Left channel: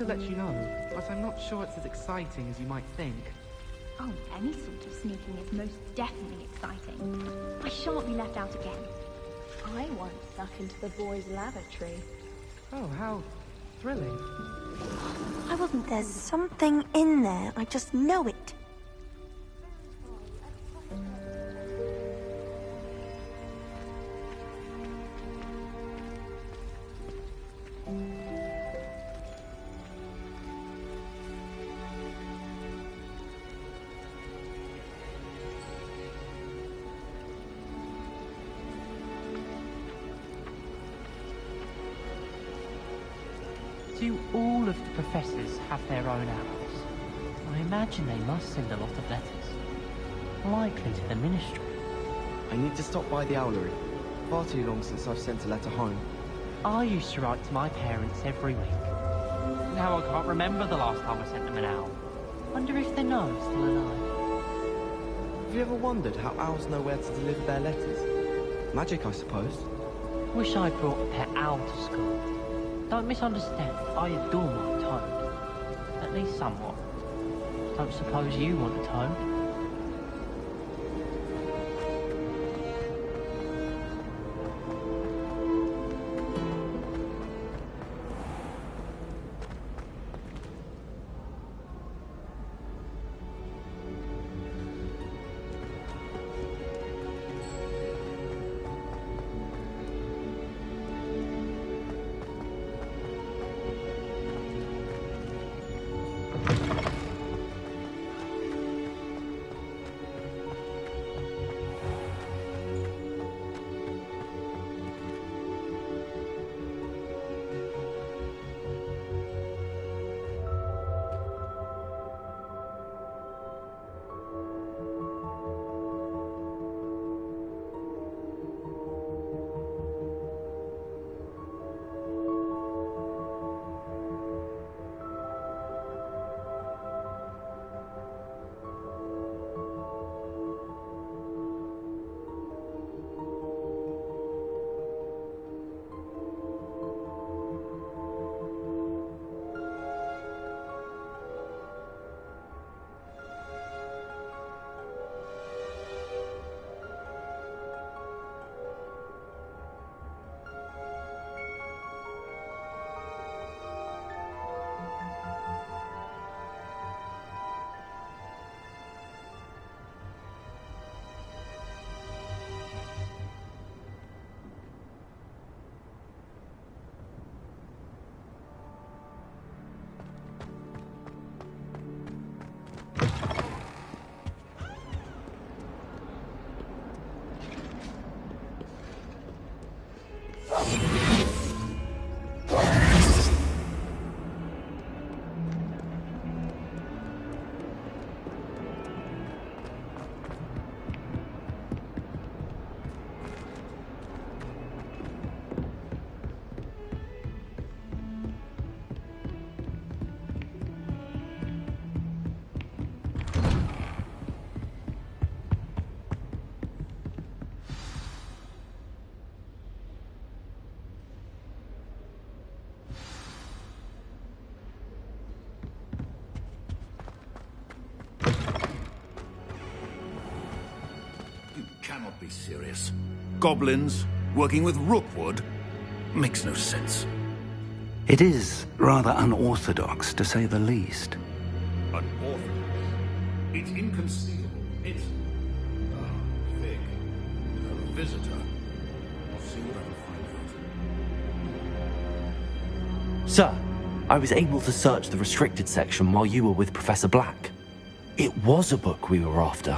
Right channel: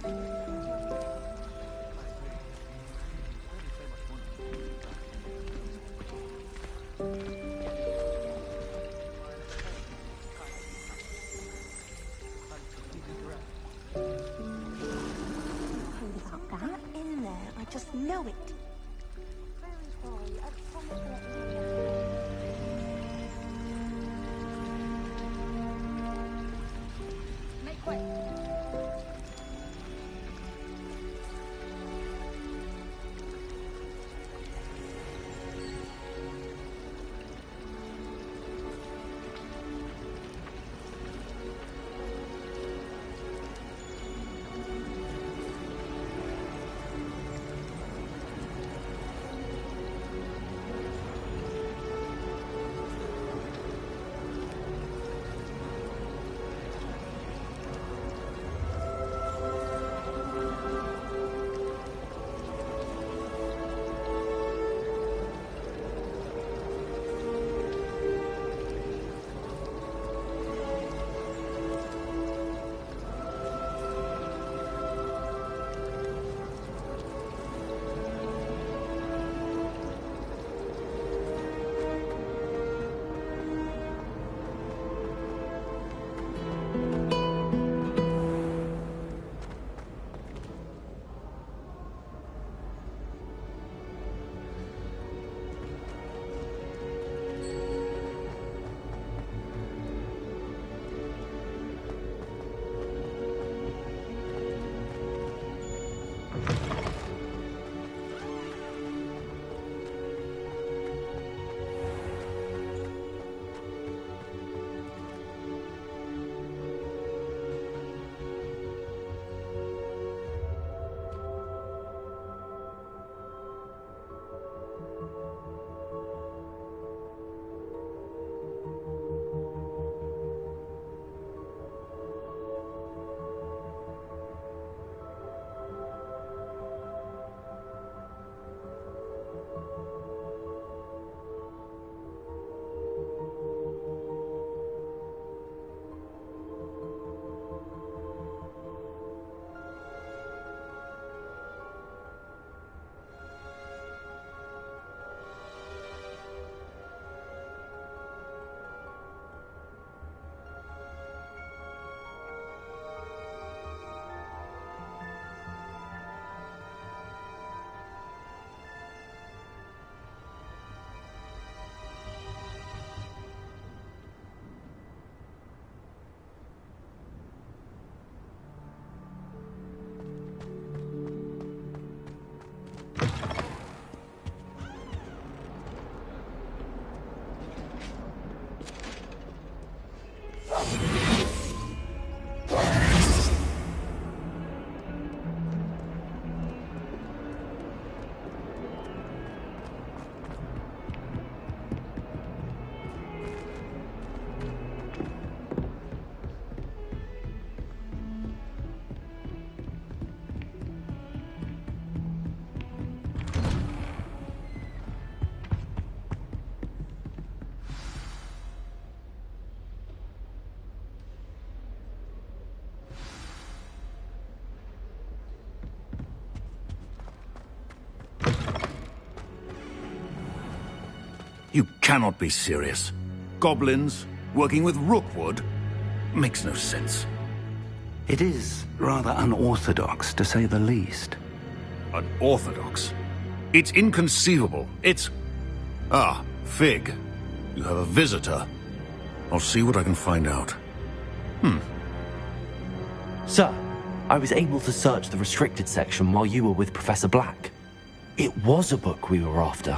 to let you know, but I'm not sure it's as exciting as you might think. Oh, any sort of sneaking is most definitely exciting. I shan't be left out again. I once stuck into the boys' lavatory. Oh, how thrilling. I wasn't There's told about something that. in there. I just know it. Do all of the professors have their own hours? I imagine they must send a lot of letters. Likely to the ministry. I need to stop by the owlery. Far too long since I've sent a letter home. I used to write to my parents every week. Now I can't remember the last time I sent them an owl. Wonder if they know still. Have you ever wondered how owls know where to deliver their letters? Magic, I suppose. Wish I brought a pet owl to school. Don't misunderstand, I adore my home. At least somewhat. Don't suppose you want it home? You cannot be serious. Goblins, working with Rookwood? Makes no sense. It is rather unorthodox, to say the least. Unorthodox? It's inconceivable. It's... Ah, Fig. You have a visitor. I'll see what I can find out. Sir, I was able to search the restricted section while you were with Professor Black. It was a book we were after.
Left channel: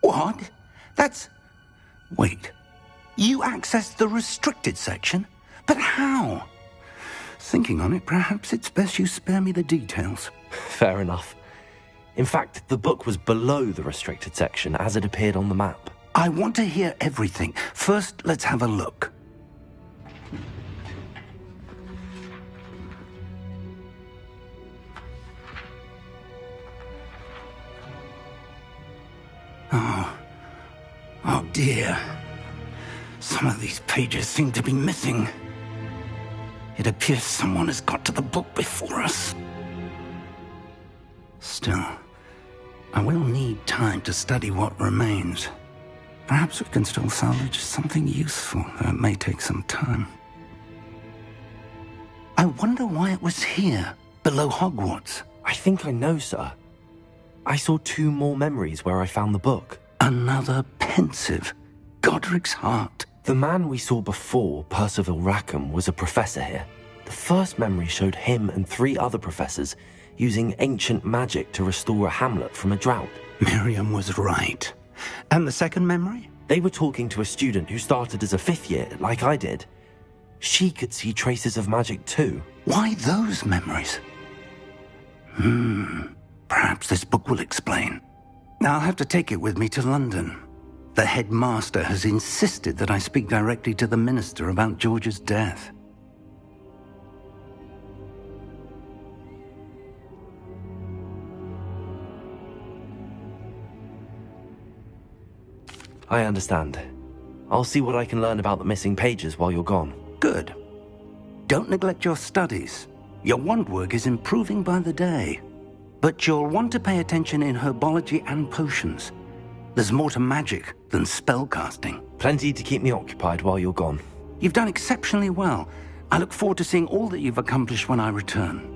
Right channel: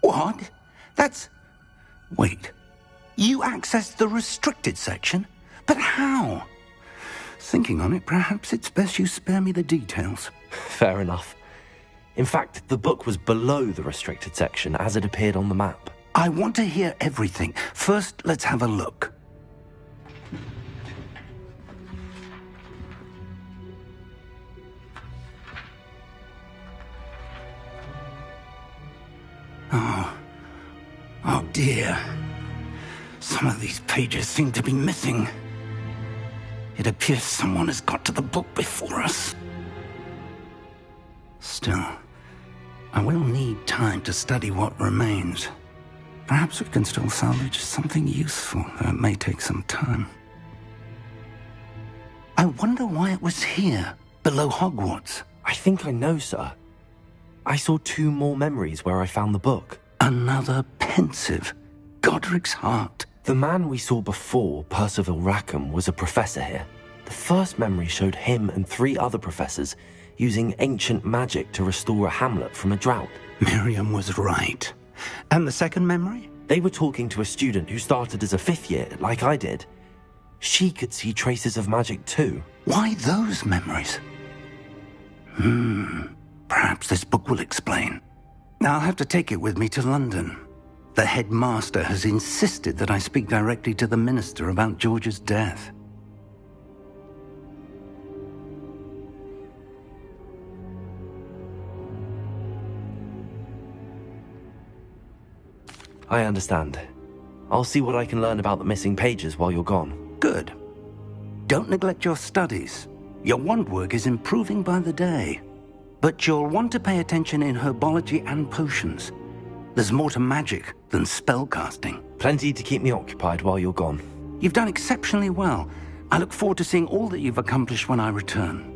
What? That's... Wait. You accessed the restricted section? But how? Thinking on it, perhaps it's best you spare me the details. Fair enough. In fact, the book was below the restricted section as it appeared on the map. I want to hear everything. First, let's have a look. Oh dear. Some of these pages seem to be missing. It appears someone has got to the book before us. Still, I will need time to study what remains. Perhaps we can still salvage something useful, though it may take some time. I wonder why it was here, below Hogwarts. I think I know, sir. I saw 2 more memories where I found the book. Another pensive. Godric's heart. The man we saw before, Percival Rackham, was a professor here. The first memory showed him and 3 other professors using ancient magic to restore a hamlet from a drought. Miriam was right. And the second memory? They were talking to a student who started as a 5th year, like I did. She could see traces of magic too. Why those memories? Perhaps this book will explain. I'll have to take it with me to London. The headmaster has insisted that I speak directly to the minister about George's death. I understand. I'll see what I can learn about the missing pages while you're gone. Good. Don't neglect your studies. Your wand work is improving by the day. But you'll want to pay attention in herbology and potions. There's more to magic than spellcasting. Plenty to keep me occupied while you're gone. You've done exceptionally well. I look forward to seeing all that you've accomplished when I return.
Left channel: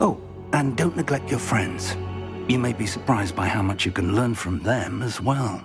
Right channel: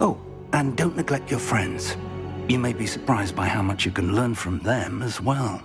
Oh, and don't neglect your friends. You may be surprised by how much you can learn from them as well.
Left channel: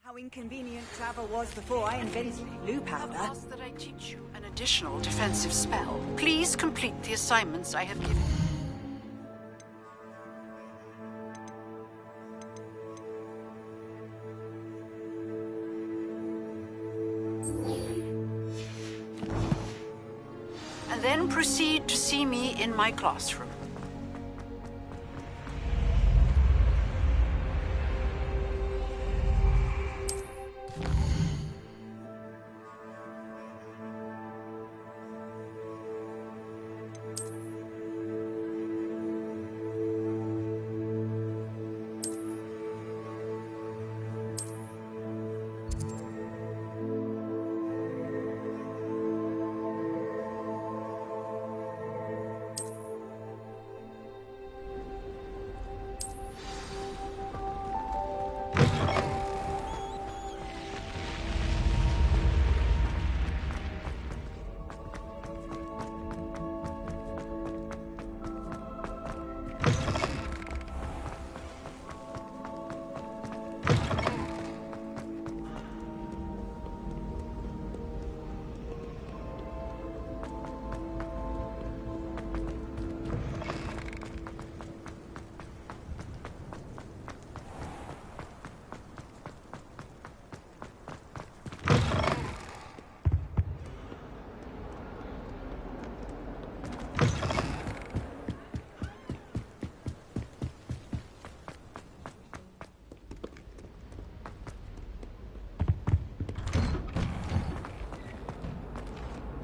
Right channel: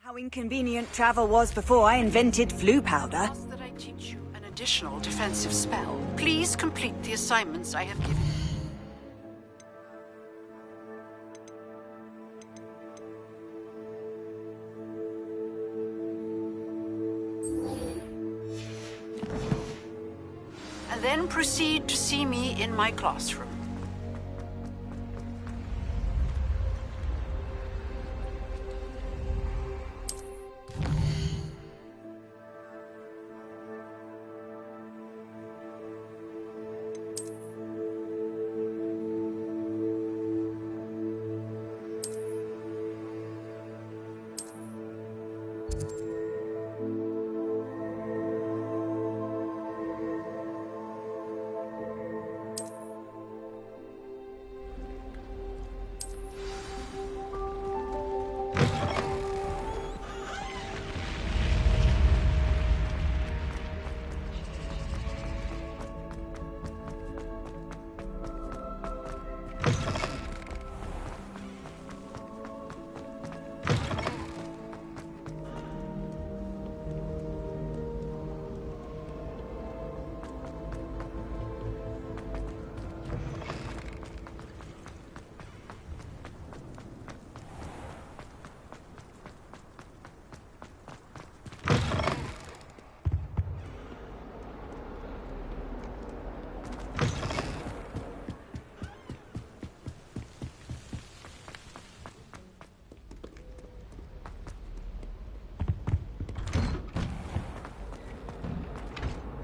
How inconvenient travel was before I invented flu powder. Ask that I teach you an additional defensive spell. Please complete the assignments I have given. And then proceed to see me in my classroom.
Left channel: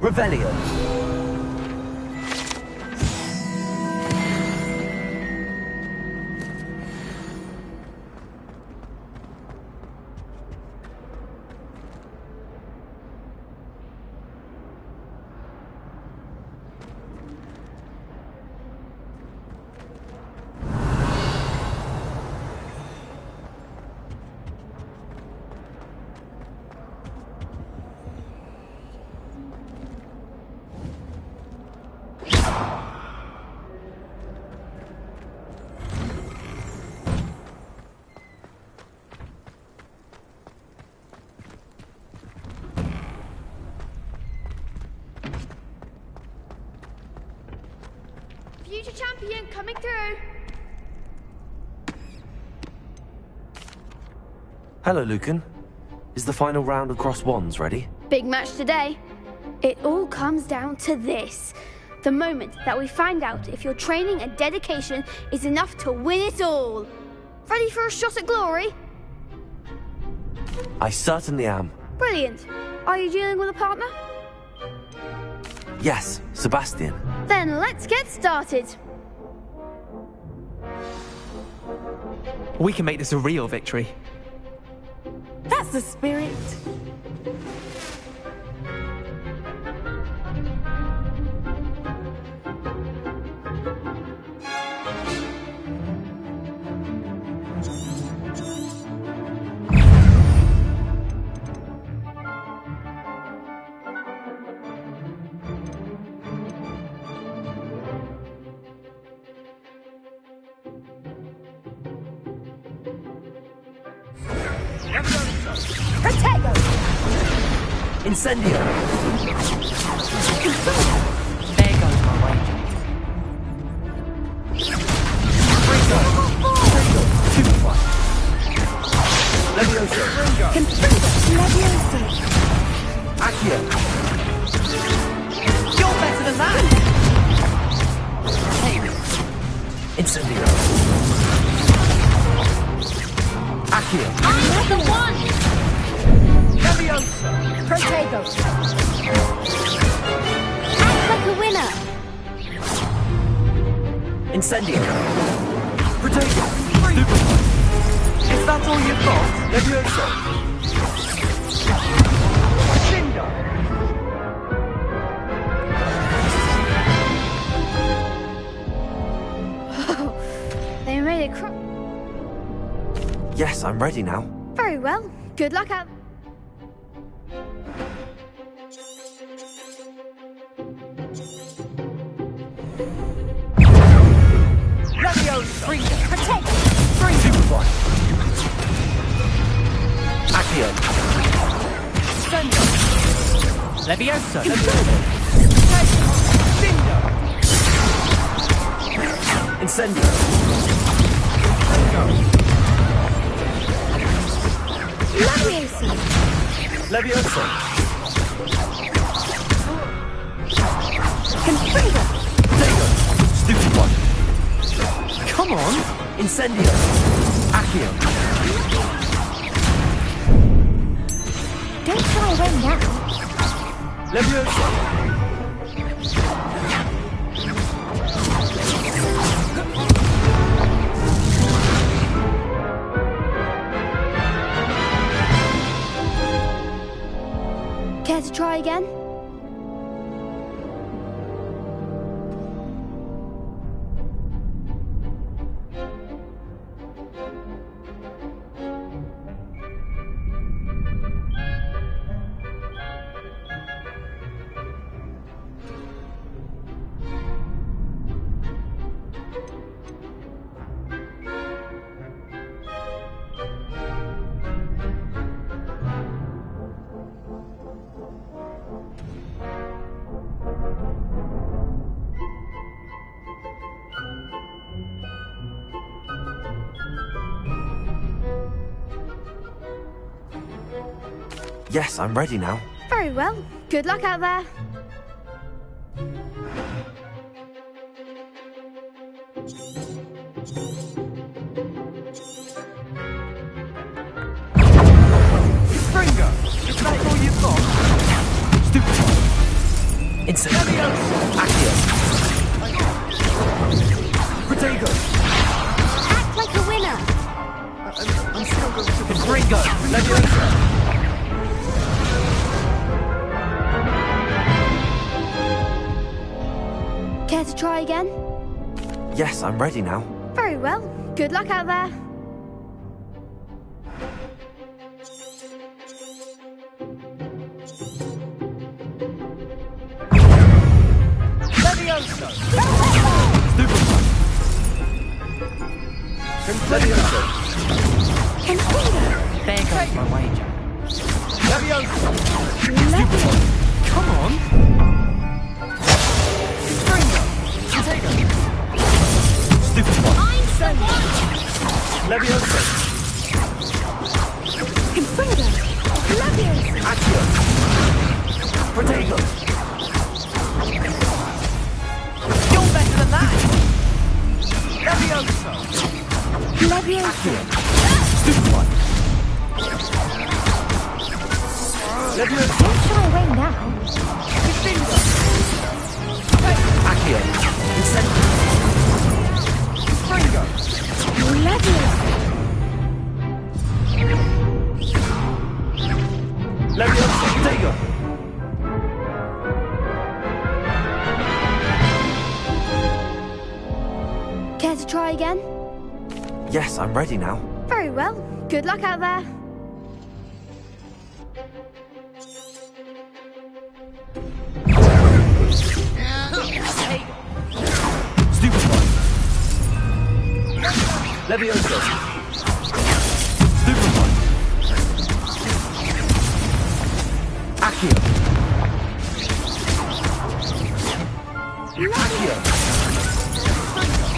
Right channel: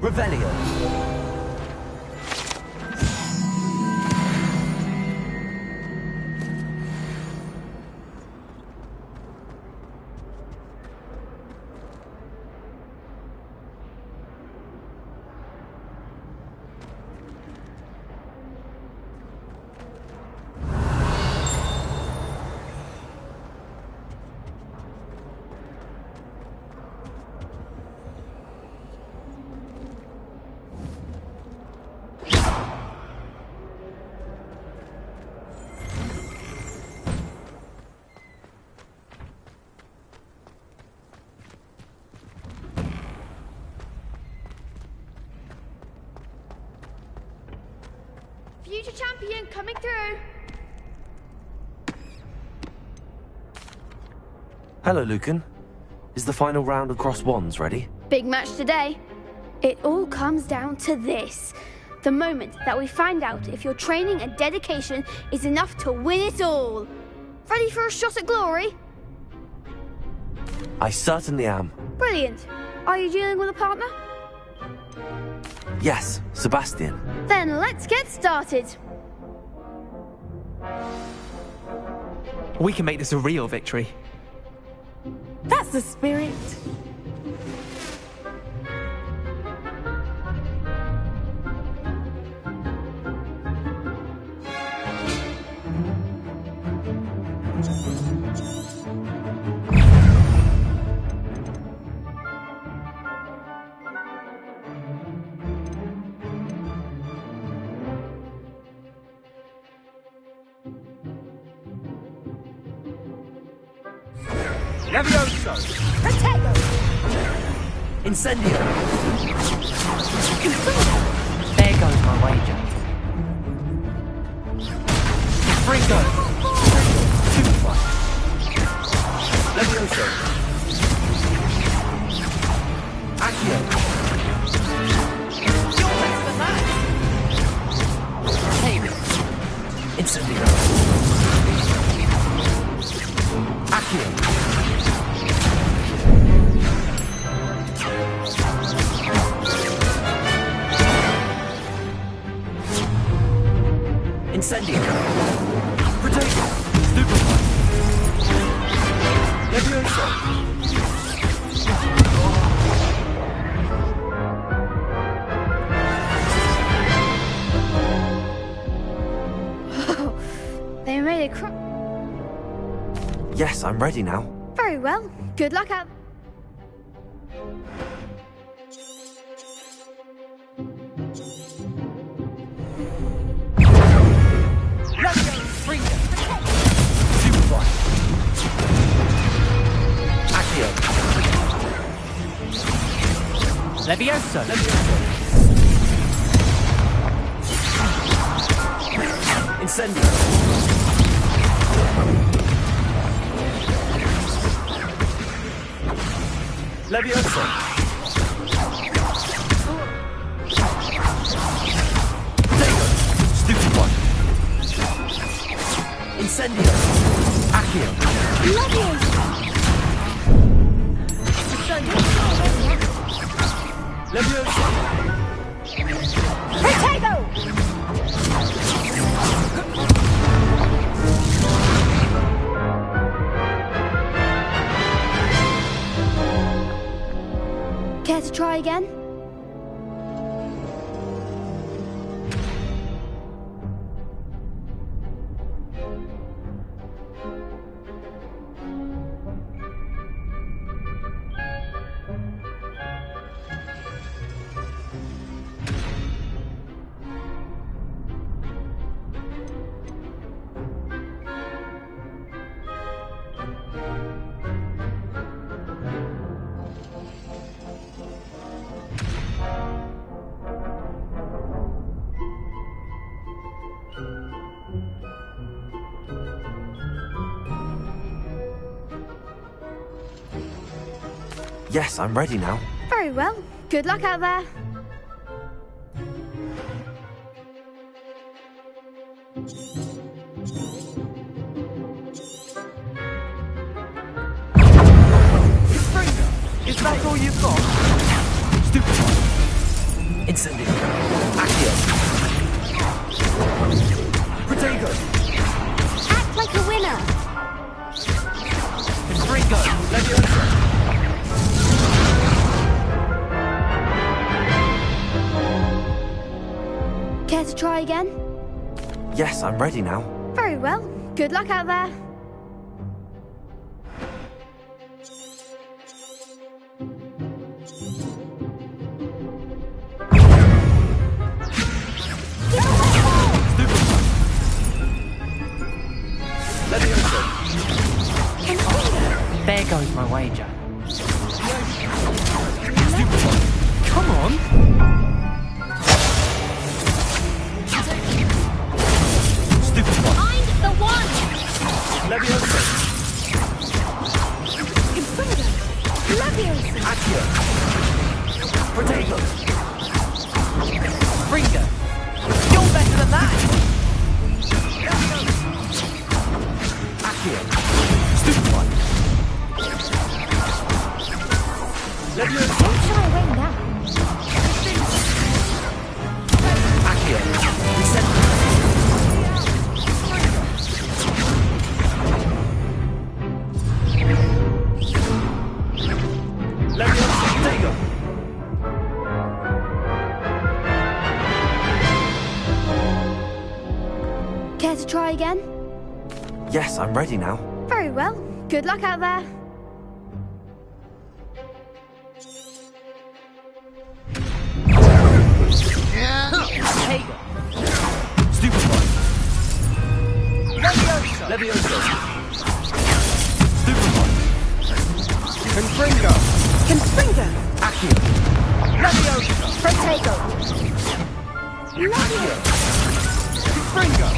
Revelio. Future champion coming through. Hello, Lucan. Is the final round of Cross Wands ready? Big match today. It all comes down to this. The moment that we find out if your training and dedication is enough to win it all. Ready for a shot at glory? I certainly am. Brilliant. Are you dealing with a partner? Yes, Sebastian. Then let's get started. We can make this a real victory. That's the spirit. Protego! Incendio! There goes my wager. Freego! Levioso! Accio! You're better than that! Incendio! Accio! Protego! The winner. Incendio! Protego! Stupefy! Is that all you've got? Levioso! They made it Yes, I'm ready now. very well. Good luck out. Levio! Freedom! Protego! Superfly! Accio! Levioso. Incendio! Levioso! Protego! Stupid one! Come on! Incendio! Accio! Don't fly away now. Levioso! Protego! Care to try again? Yes, I'm ready now. Very well. Good luck out there. Springer! Is that all you've got? Stupid one! Incendio. Accio. Protego. Act like a winner. Confringo. Leviosa. Care to try again? Yes, I'm ready now. Very well. Good luck out there. There goes my wager. Come on! Stupid one. I'm the one! Leviosa. Confringo! Leviosa! Accio. Protego. Freedom. You're better than that. Leviosa. Leviosa! Accio. Stupid one. Leviosa. Don't shy away now. Accio. Incendio. Leviosa. Protego. Care to try again? Yes, I'm ready now. Very well. Good luck out there. Stupid one. Leviosa. Stupid one. Confringo. Accio. Leviosa. Protego! Accio. Confringo.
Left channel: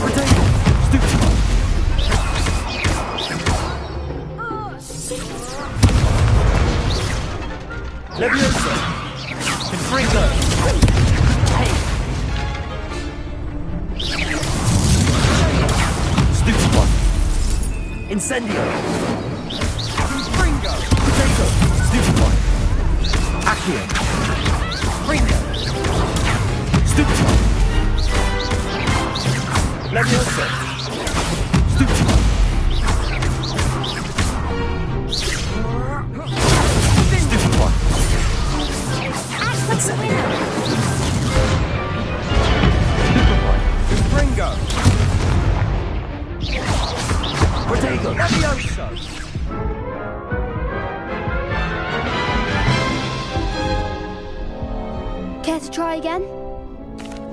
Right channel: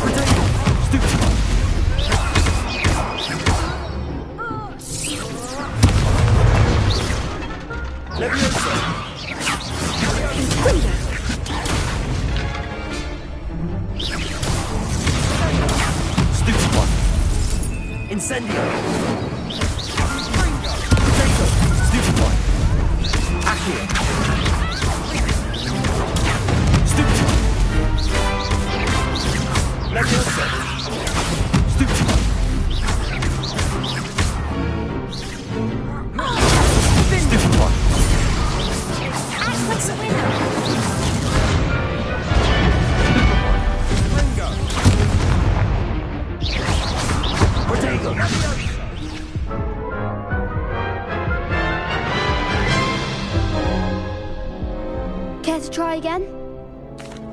Protego. Stupid one. Leviosa. Stupid one. Incendio. Confringo. Protego. Stupid one. Accio. Stupid one. Leviosa. Stupid one. Stupid one. Act like a winner! Stupid one. Confringo. Protego. Leviosa. Care to try again?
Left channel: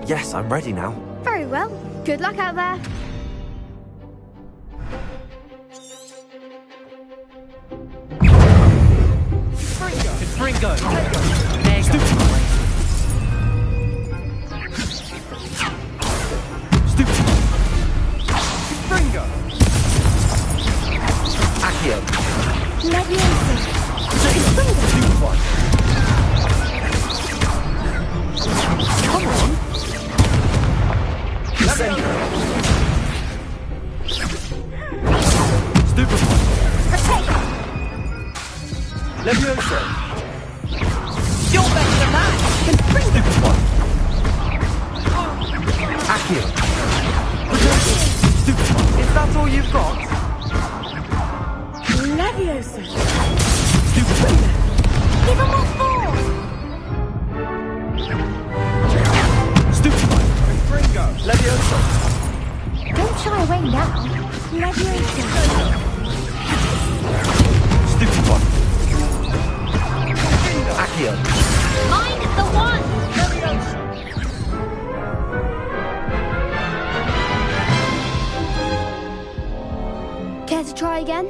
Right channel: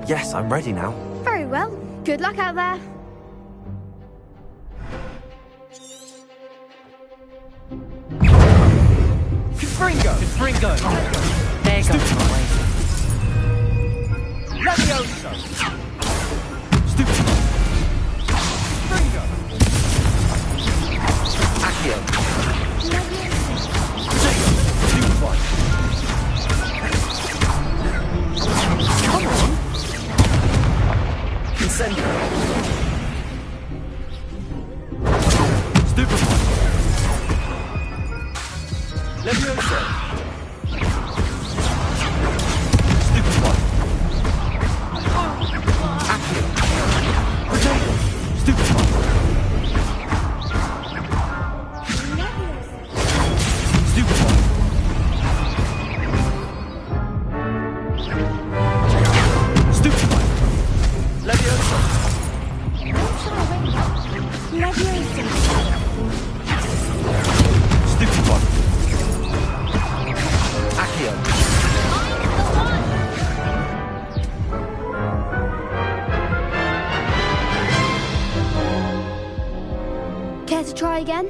Yes, I'm ready now. Very well. Good luck out there. Confringo. Confringo. There goes my wager. Leviosa. Stupid one. Confringo. Accio. Leviosa! Protego. Stupid one. Come on. Incendio. Stupid one. Leviosa. You're better than that. Stupid one. Accio. Protego. Stupid one. That's all you've got. Leviosa! Stupid one. Stupid one. Confringo. Leviosa. Don't shy away now. Leviosa! Stupid one. Accio. I'm the one! Care to try again?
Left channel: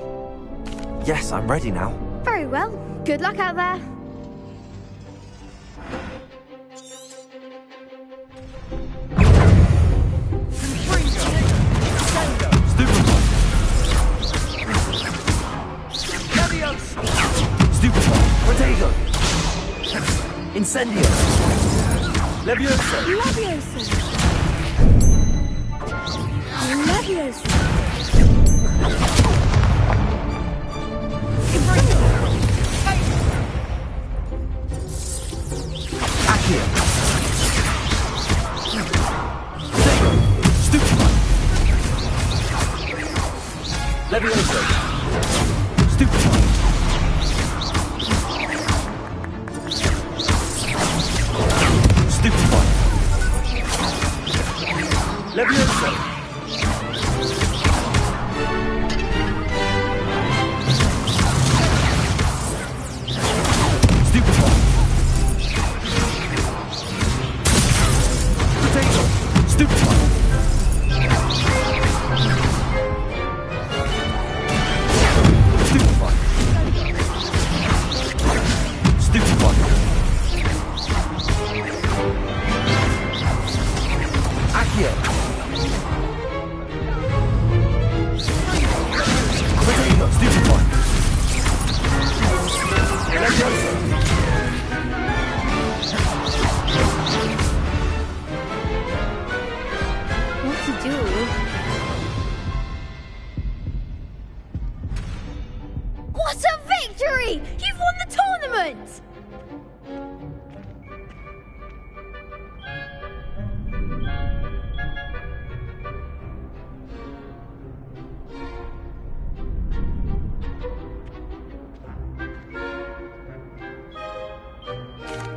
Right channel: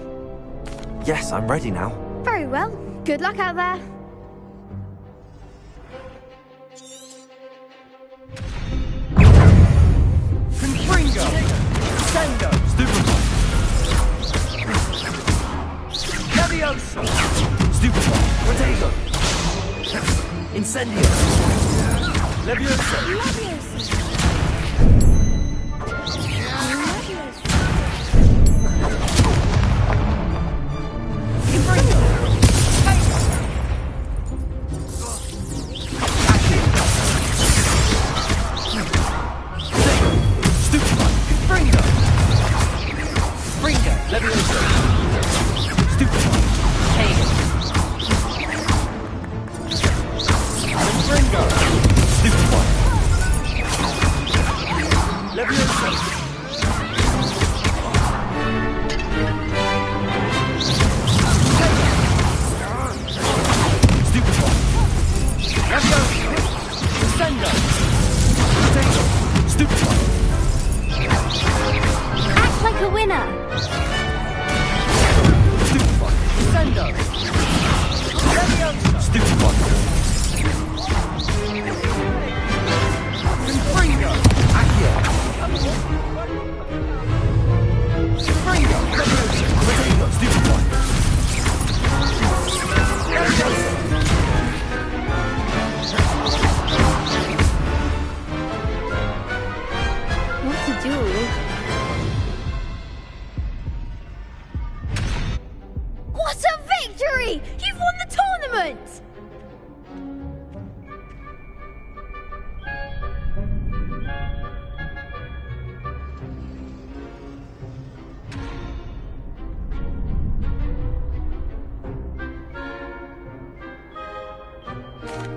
Yes, I'm ready now. Very well. Good luck out there. Confringo. Sendo. Stupid one. Leviosa. Stupid one. Protego. Incendio. Leviosa. Leviosa! Leviosa!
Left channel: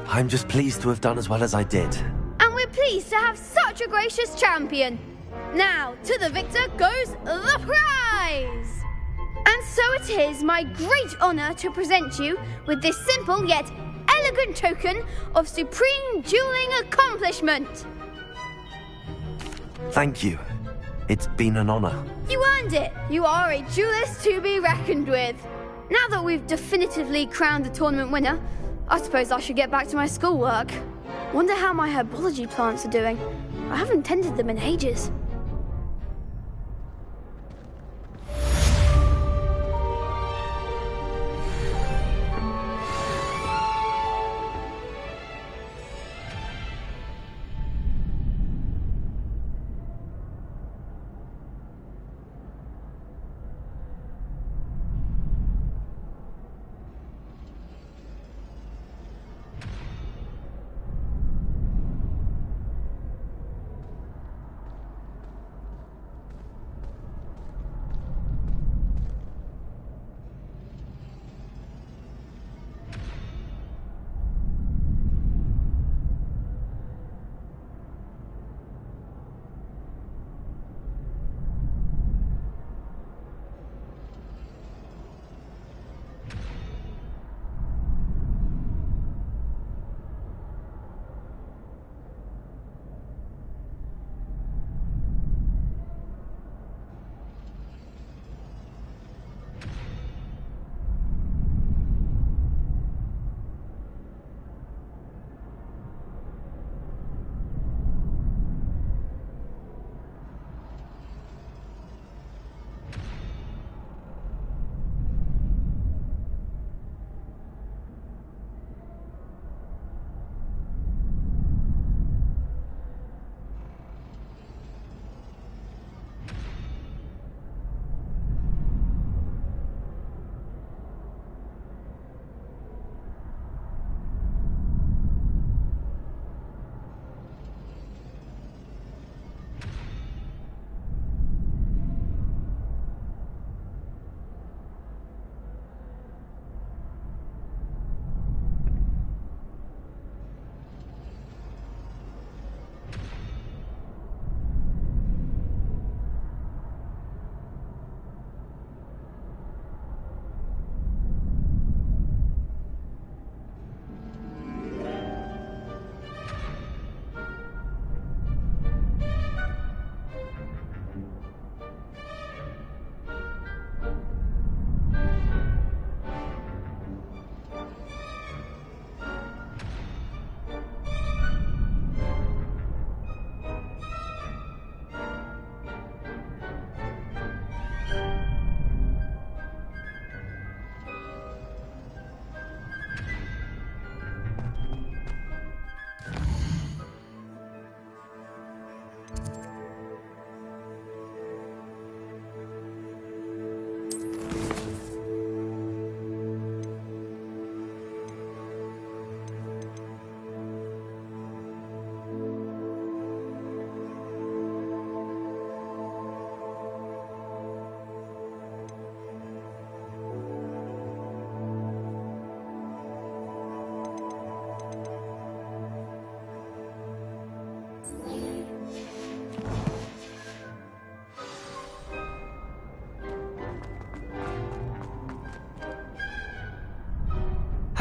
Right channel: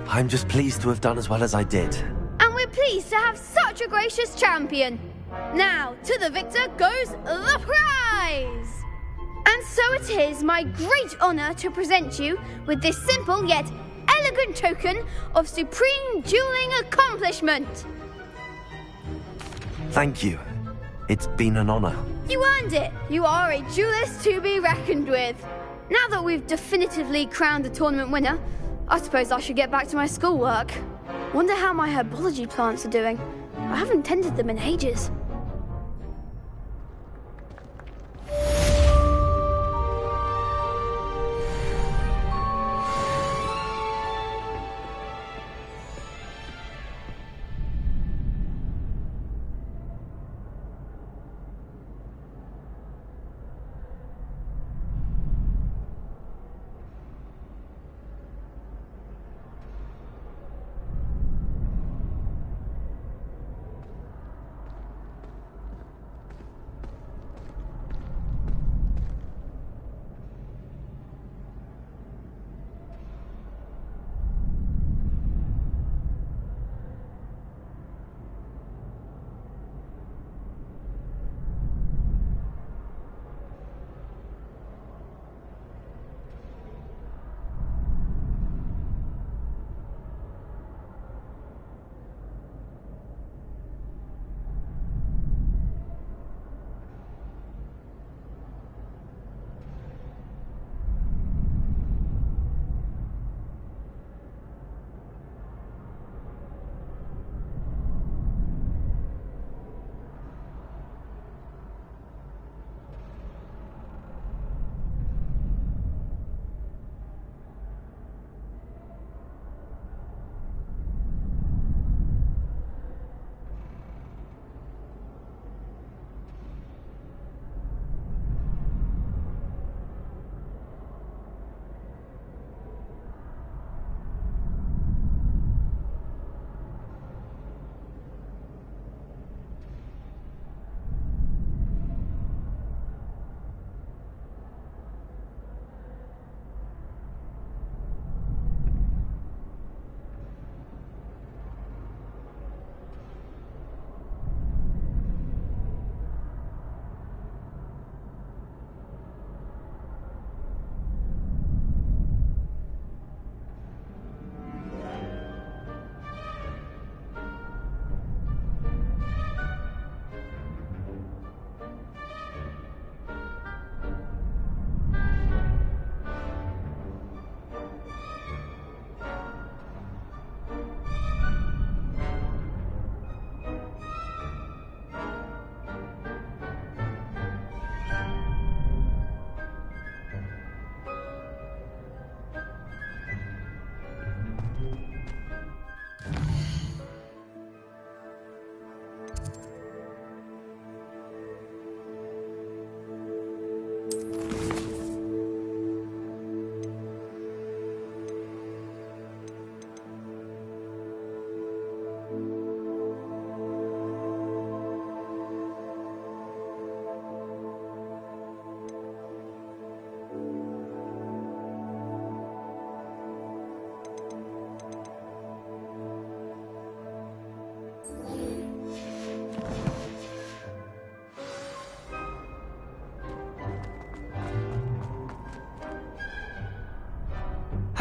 I'm just pleased to have done as well as I did. And we're pleased to have such a gracious champion. Now, to the victor goes the prize! And so it is my great honour to present you with this simple yet elegant token of supreme dueling accomplishment. Thank you. It's been an honour. You earned it. You are a duelist to be reckoned with. Now that we've definitively crowned the tournament winner, I suppose I should get back to my schoolwork. Wonder how my herbology plants are doing. I haven't tended them in ages.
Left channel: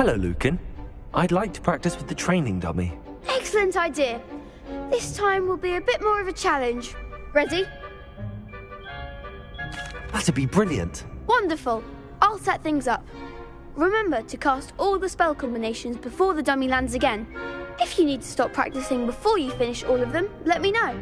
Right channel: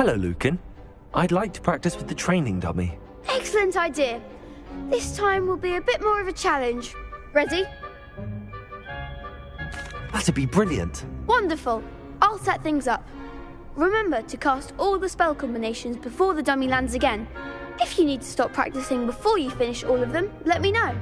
Hello, Lucan. I'd like to practice with the training dummy. Excellent idea. This time will be a bit more of a challenge. Ready? That'd be brilliant. Wonderful. I'll set things up. Remember to cast all the spell combinations before the dummy lands again. If you need to stop practicing before you finish all of them, let me know.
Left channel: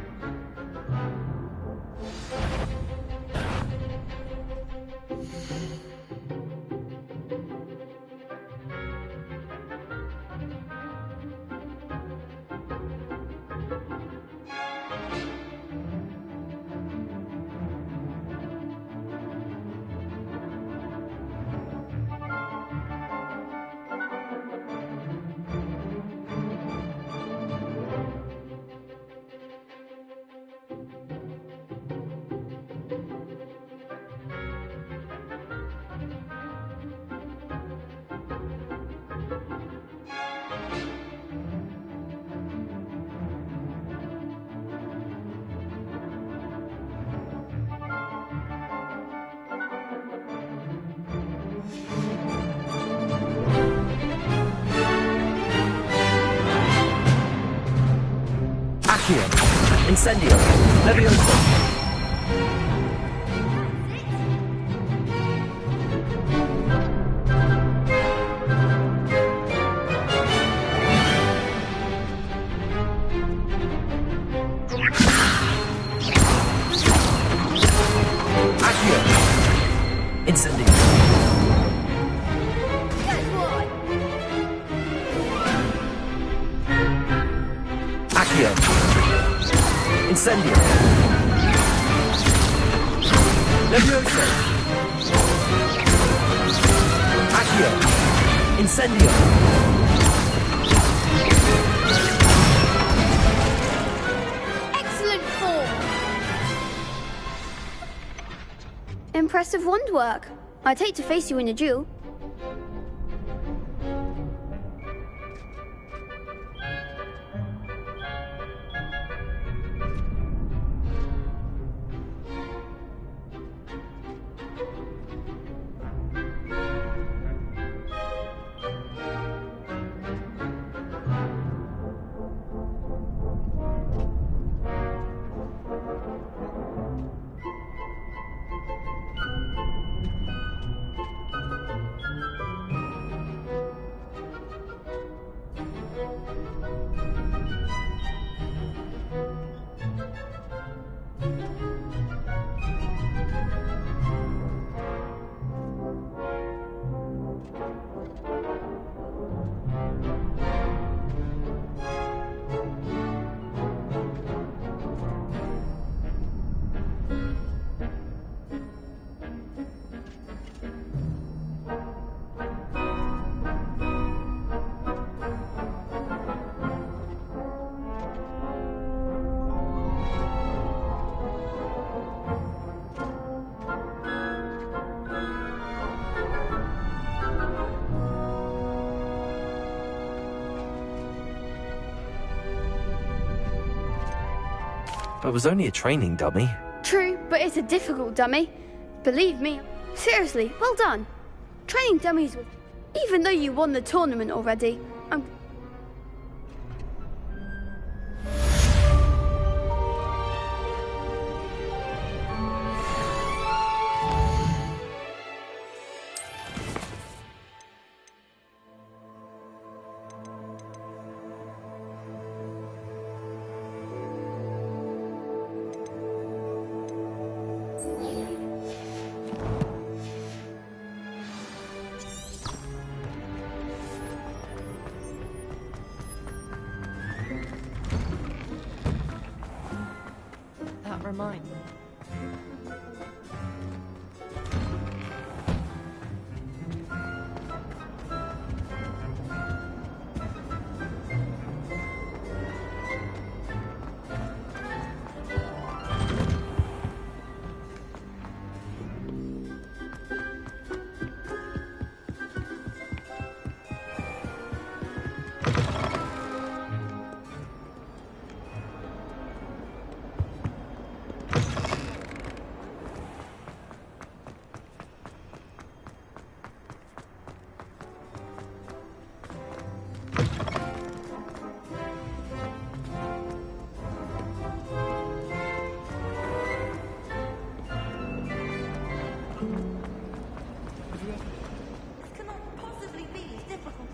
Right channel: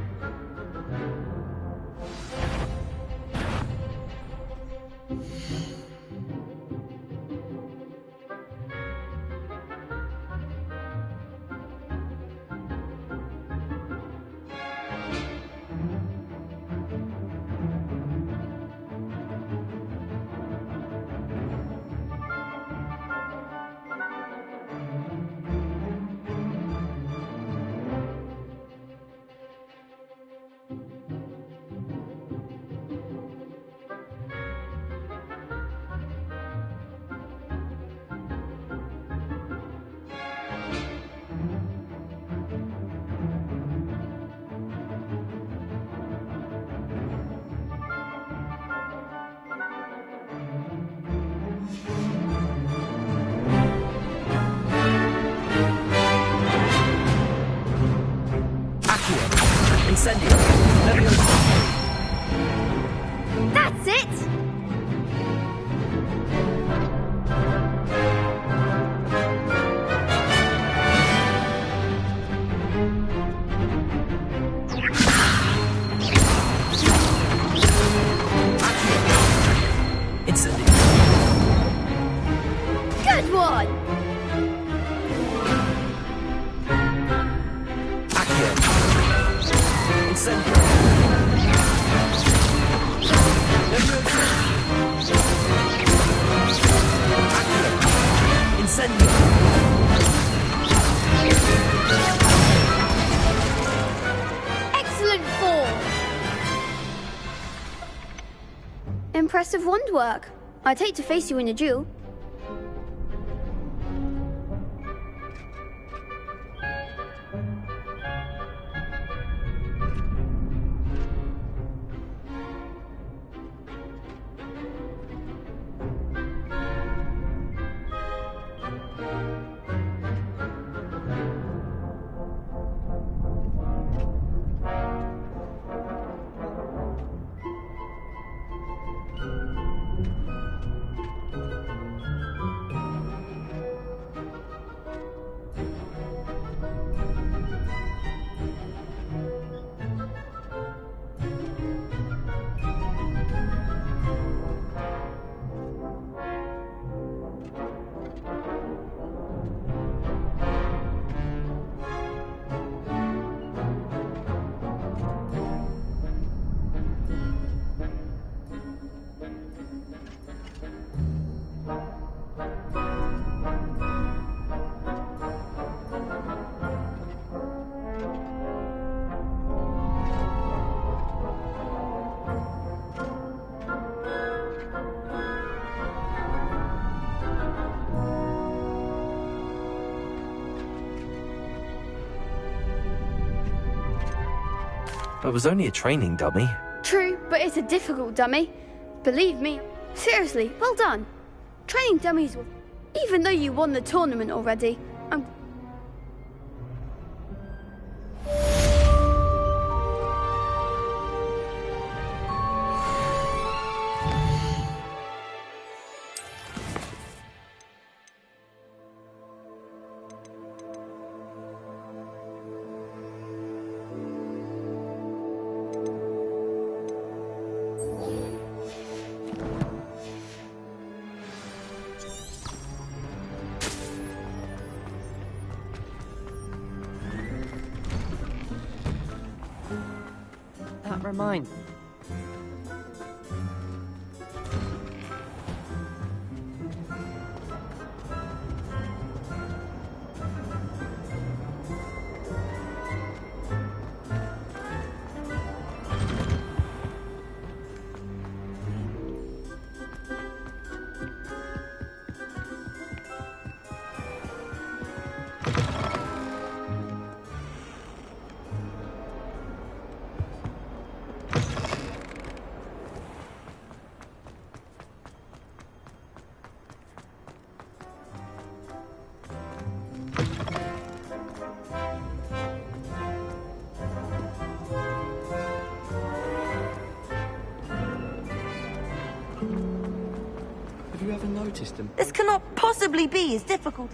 Incendio! Leviosa! That's it! Incendio! Good one! Accio! Incendio! Leviosa! Accio! Incendio! Excellent form! Impressive wand work. I'd hate to face you in a duel. It was only a training dummy. True, but it's a difficult dummy. Believe me. Seriously, well done. Training dummies will... Even though you won the tournament already, I'm... That reminds me. Have you ever noticed them? This cannot possibly be as difficult.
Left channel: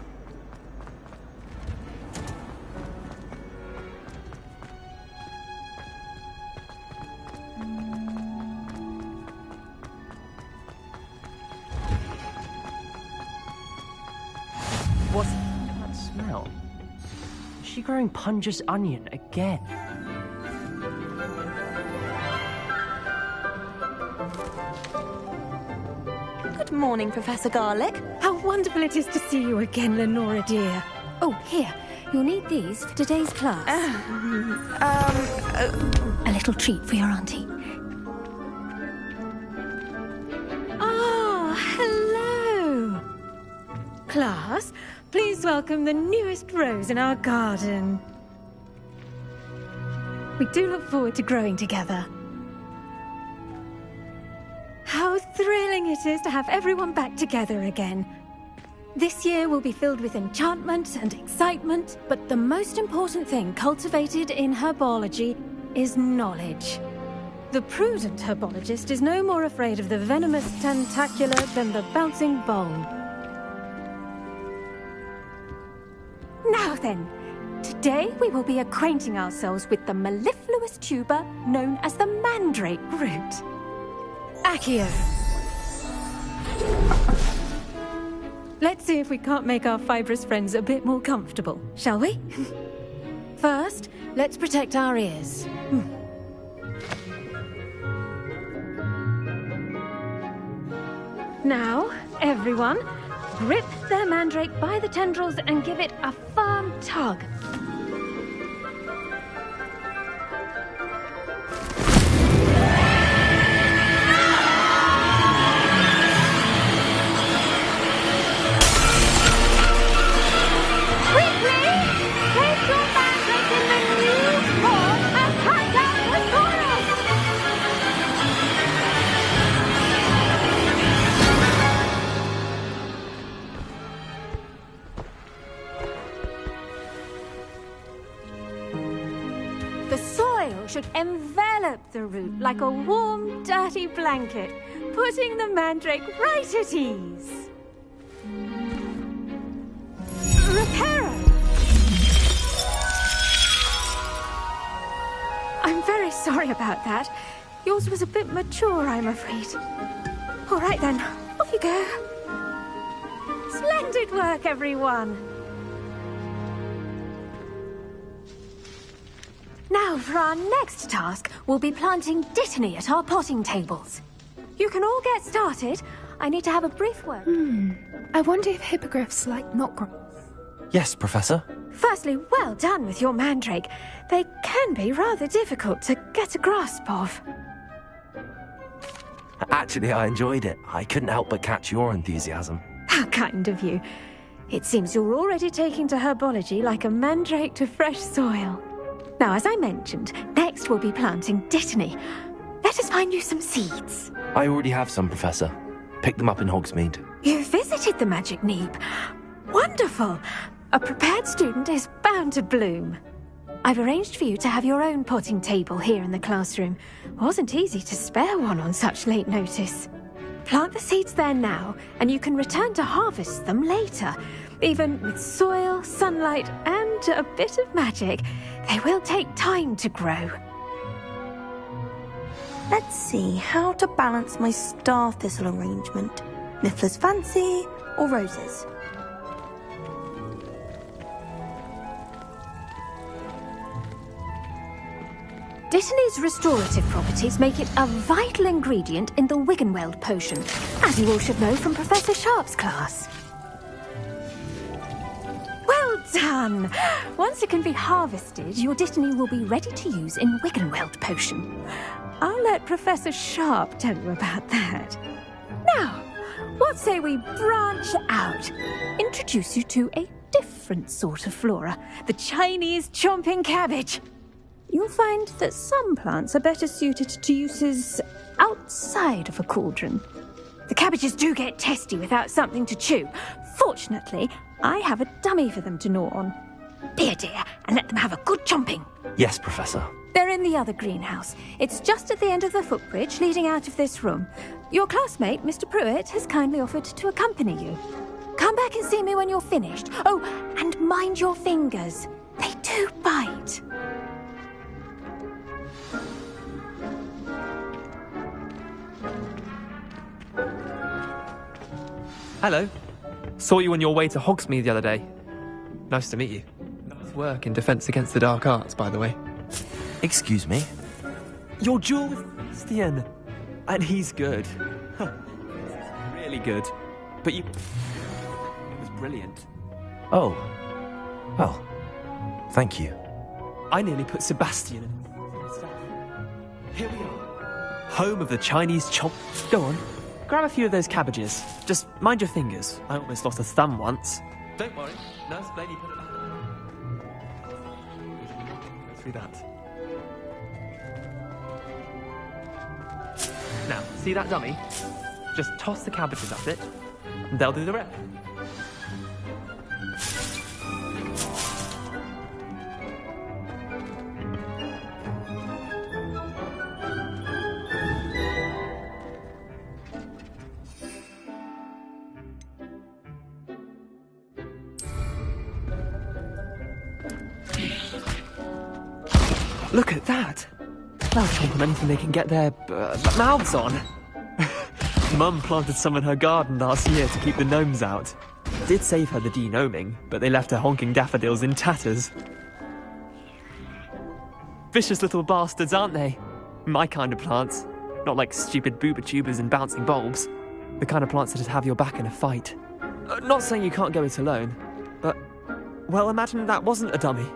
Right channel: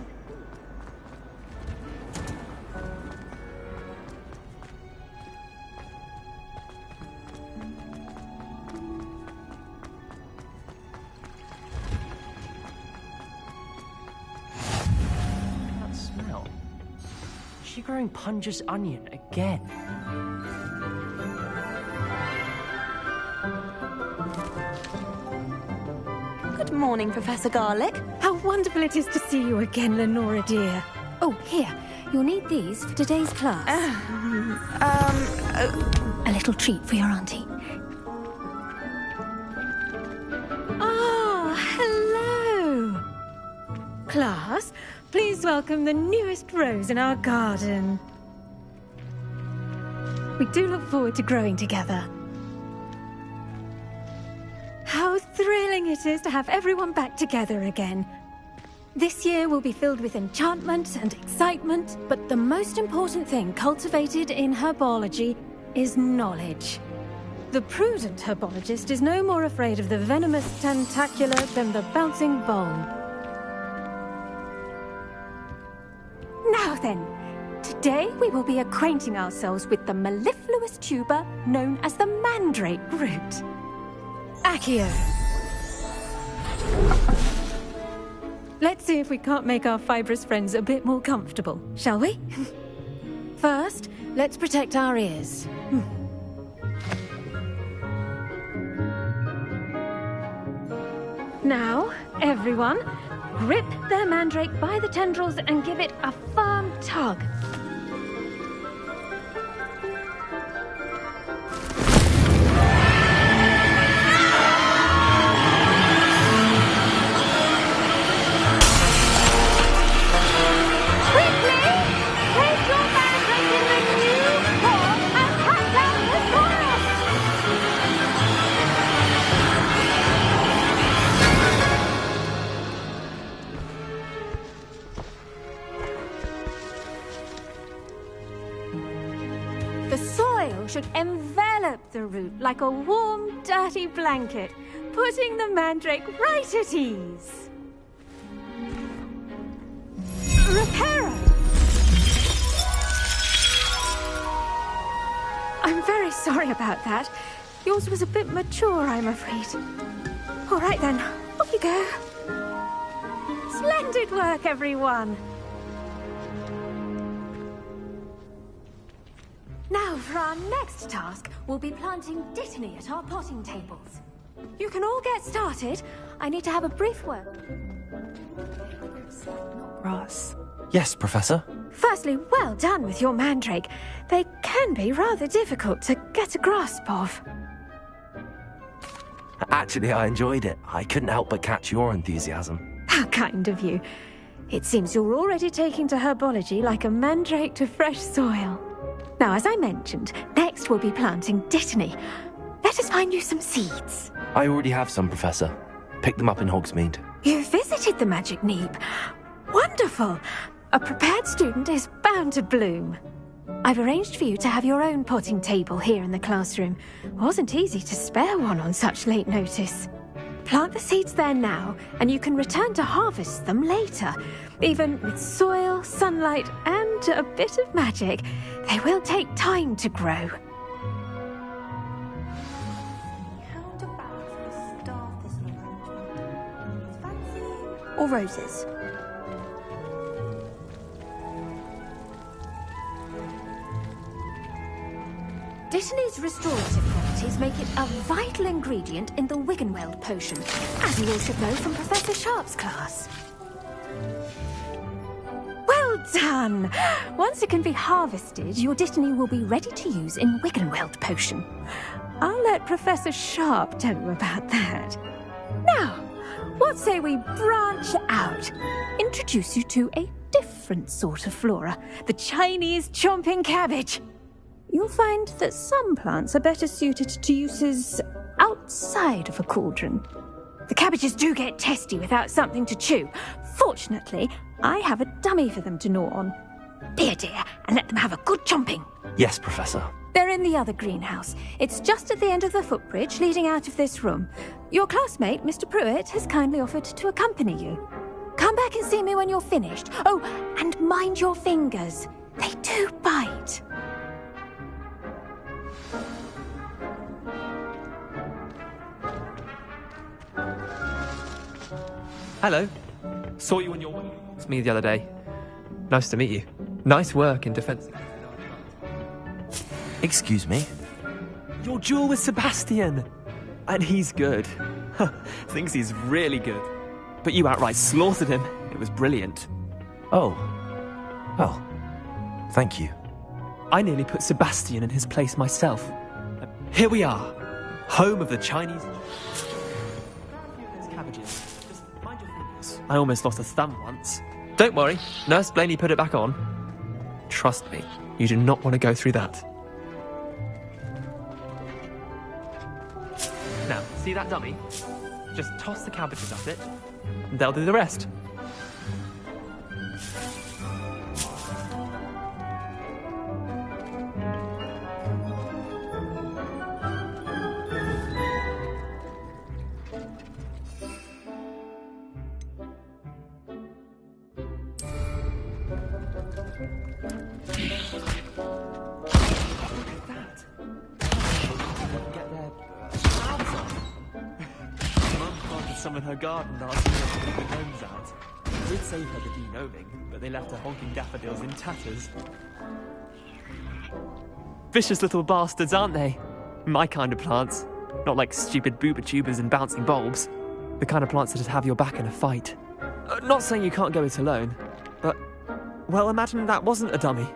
What's that smell? Is she growing Punja's onion again? Good morning, Professor Garlic. How wonderful it is to see you again, Lenora dear. Oh, here. You'll need these for today's class. A little treat for your auntie. Ah, hello. Class, please welcome the newest rose in our garden. We do look forward to growing together. How thrilling it is to have everyone back together again. This year will be filled with enchantment and excitement, but the most important thing cultivated in herbology is knowledge. The prudent herbologist is no more afraid of the venomous tentacular than the bouncing bulb. Now then, today we will be acquainting ourselves with the mellifluous tuber known as the mandrake root. Accio. Let's see if we can't make our fibrous friends a bit more comfortable, shall we? First, let's protect our ears. Now, everyone, grip their mandrake by the tendrils and give it a firm tug. The soil should envelop the root like a warm, dirty blanket, putting the mandrake right at ease. Reparo! I'm very sorry about that. Yours was a bit mature, I'm afraid. All right then, off you go. Splendid work, everyone. Now, for our next task, we'll be planting dittany at our potting tables. You can all get started. I need to have a brief word. I wonder if hippogriffs like knotgrass. Yes, Professor. Firstly, well done with your mandrake. They can be rather difficult to get a grasp of. Actually, I enjoyed it. I couldn't help but catch your enthusiasm. How kind of you. It seems you're already taking to herbology like a mandrake to fresh soil. Now, as I mentioned, next we'll be planting dittany. Let us find you some seeds. I already have some, Professor. Picked them up in Hogsmeade. You visited the Magic Neep. Wonderful! A prepared student is bound to bloom. I've arranged for you to have your own potting table here in the classroom. Wasn't easy to spare one on such late notice. Plant the seeds there now, and you can return to harvest them later. Even with soil, sunlight, and a bit of magic, they will take time to grow. Let's see how to balance my star thistle arrangement. Niffler's fancy or roses? Dittany's restorative properties make it a vital ingredient in the Wiggenweld potion, as you all should know from Professor Sharp's class. Well done! Once it can be harvested, your dittany will be ready to use in Wiggenweld potion. I'll let Professor Sharp tell you about that. Now, what say we branch out? Introduce you to a different sort of flora, the Chinese chomping cabbage. You'll find that some plants are better suited to uses outside of a cauldron. The cabbages do get testy without something to chew. Fortunately, I have a dummy for them to gnaw on. Be a dear and let them have a good chomping. Yes, Professor. They're in the other greenhouse. It's just at the end of the footbridge leading out of this room. Your classmate, Mr. Pruitt, has kindly offered to accompany you. Come back and see me when you're finished. Oh, and mind your fingers. They do bite. Hello. Saw you on your way to Hogsmeade the other day. Nice to meet you. Nice work in Defense Against the Dark Arts, by the way. Excuse me? Your duel with Sebastian! And he's good. Thinks he's really good. But you outright slaughtered him. It was brilliant. Oh. Well, thank you. I nearly put Sebastian in his place myself. Here we are. Home of the Chinese chomp. Go on. Grab a few of those cabbages. Just mind your fingers. I almost lost a thumb once. Don't worry. Nurse Blaney put it back on. Trust me. You do not want to go through that. Now, see that dummy? Just toss the cabbages at it, and they'll do the rest. Look at that! Plants give them anything they can get their mouths on. Mum planted some in her garden last year to keep the gnomes out. Did save her the de-gnoming, but they left her honking daffodils in tatters. Vicious little bastards, aren't they? My kind of plants. Not like stupid booba tubers and bouncing bulbs. The kind of plants that'd have your back in a fight. Not saying you can't go it alone, but, well, imagine that wasn't a dummy.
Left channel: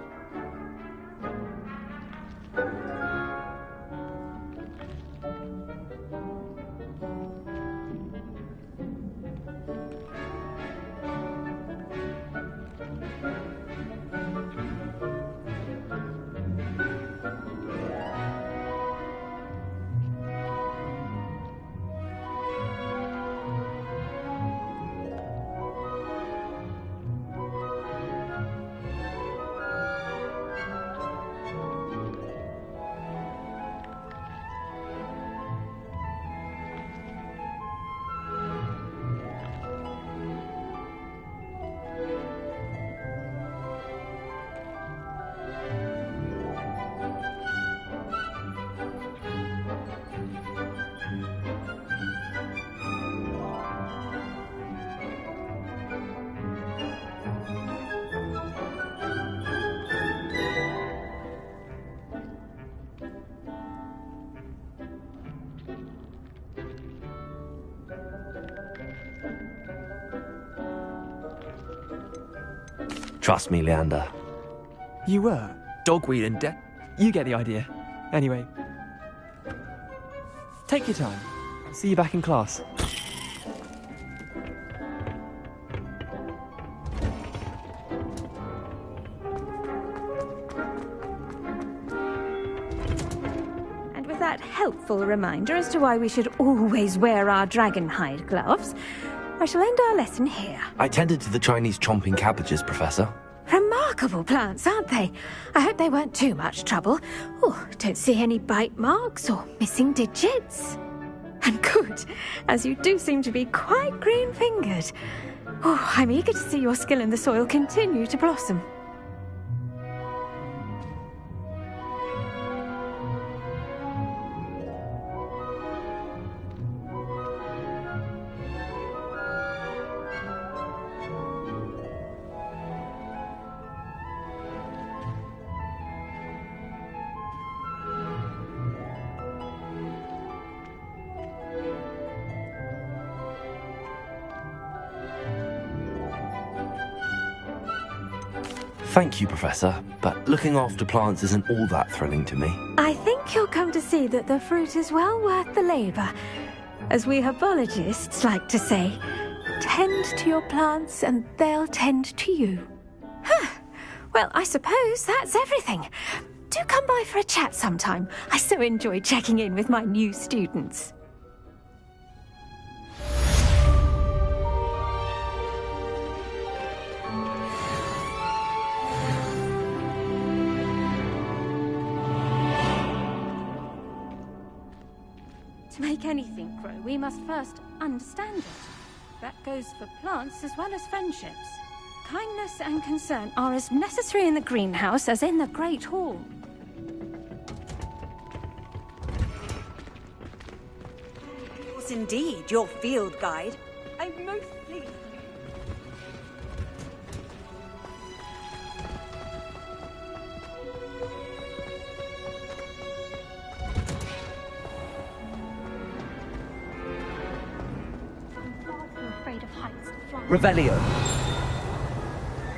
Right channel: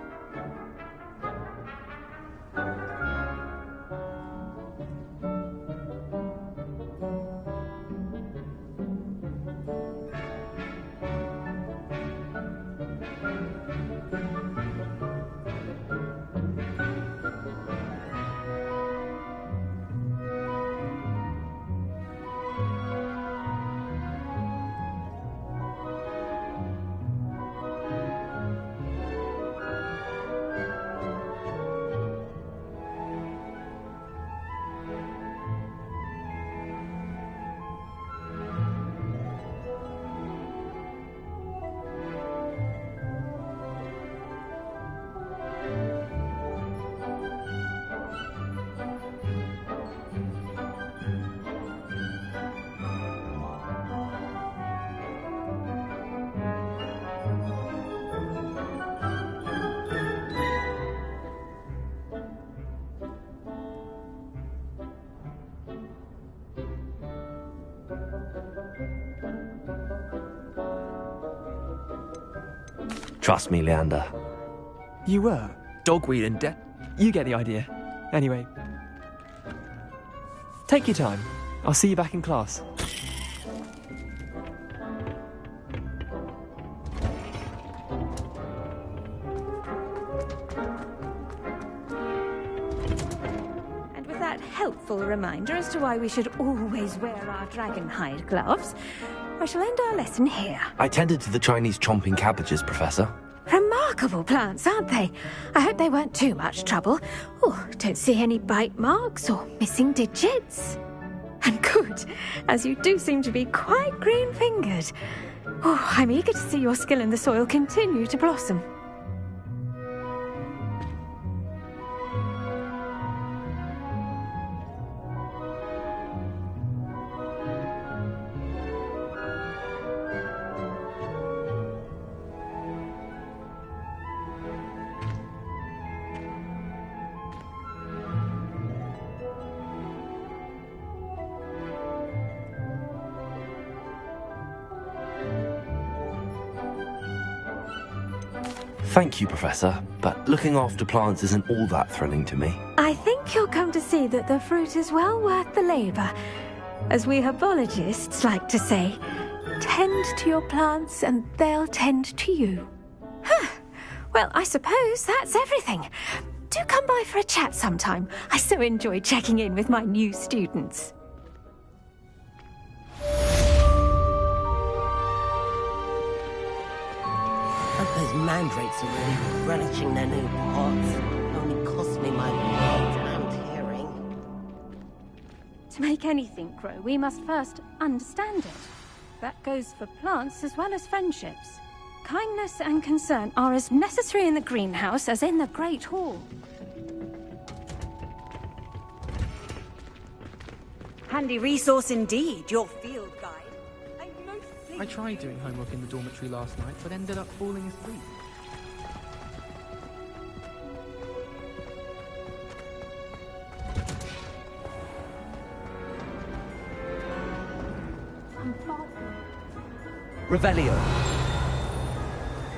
Trust me, Leander. You were? Dogweed and you get the idea. Anyway. Take your time. I'll see you back in class. And with that helpful reminder as to why we should always wear our dragon hide gloves, I shall end our lesson here. I tended to the Chinese chomping cabbages, Professor. Remarkable plants, aren't they? I hope they weren't too much trouble. Oh, don't see any bite marks or missing digits. And good, as you do seem to be quite green-fingered. Oh, I'm eager to see your skill in the soil continue to blossom. Thank you, Professor, but looking after plants isn't all that thrilling to me. I think you'll come to see that the fruit is well worth the labour. As we herbologists like to say, tend to your plants and they'll tend to you. Huh. Well, I suppose that's everything. Do come by for a chat sometime. I so enjoy checking in with my new students. Mandrakes are really relishing their new pots. Only cost me my brains out hearing. To make anything grow, we must first understand it. That goes for plants as well as friendships. Kindness and concern are as necessary in the greenhouse as in the Great Hall. Handy resource indeed, your field guide. I tried doing homework in the dormitory last night, but ended up falling asleep. I'm far too afraid of heights to fly. Revelio.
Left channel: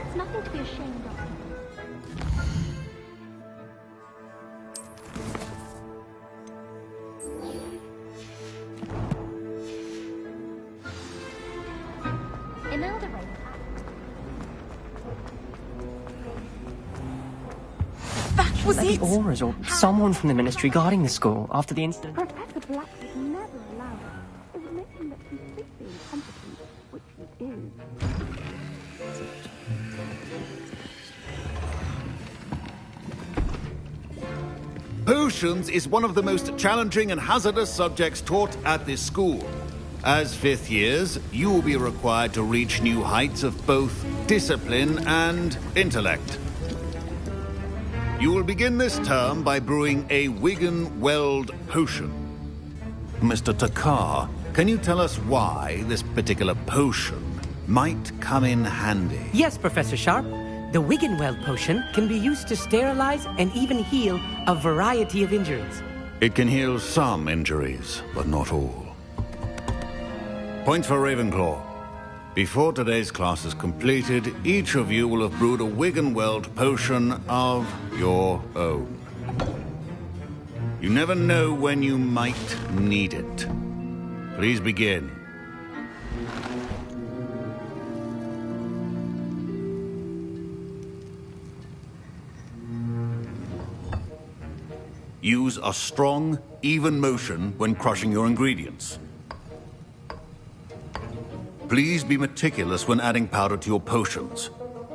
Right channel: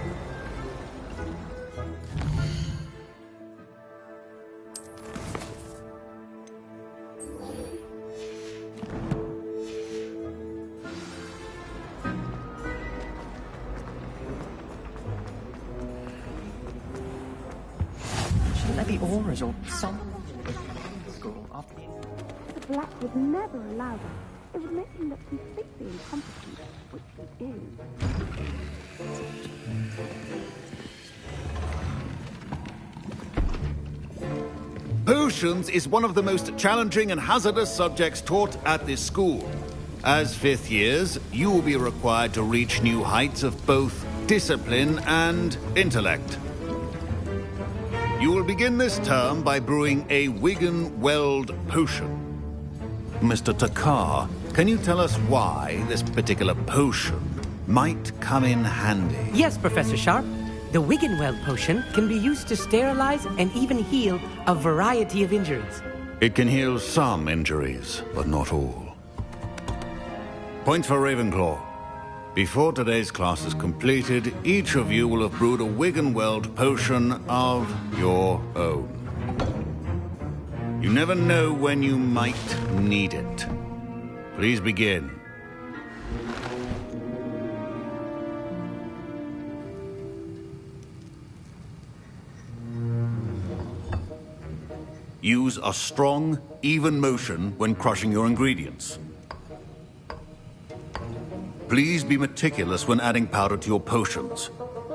There's nothing to be ashamed of. Shouldn't there be auras or someone from the ministry guarding the school after the incident? Professor Black would never allow that. It would make him look completely incompetent, which he is. Potions is one of the most challenging and hazardous subjects taught at this school. As fifth years, you will be required to reach new heights of both discipline and intellect. You will begin this term by brewing a Wigan Weld potion. Mr. Takar, can you tell us why this particular potion might come in handy? Yes, Professor Sharp. The Wiggenweld potion can be used to sterilize and even heal a variety of injuries. It can heal some injuries, but not all. Points for Ravenclaw. Before today's class is completed, each of you will have brewed a Wiggenweld potion of your own. You never know when you might need it. Please begin. Use a strong, even motion when crushing your ingredients. Please be meticulous when adding powder to your potions.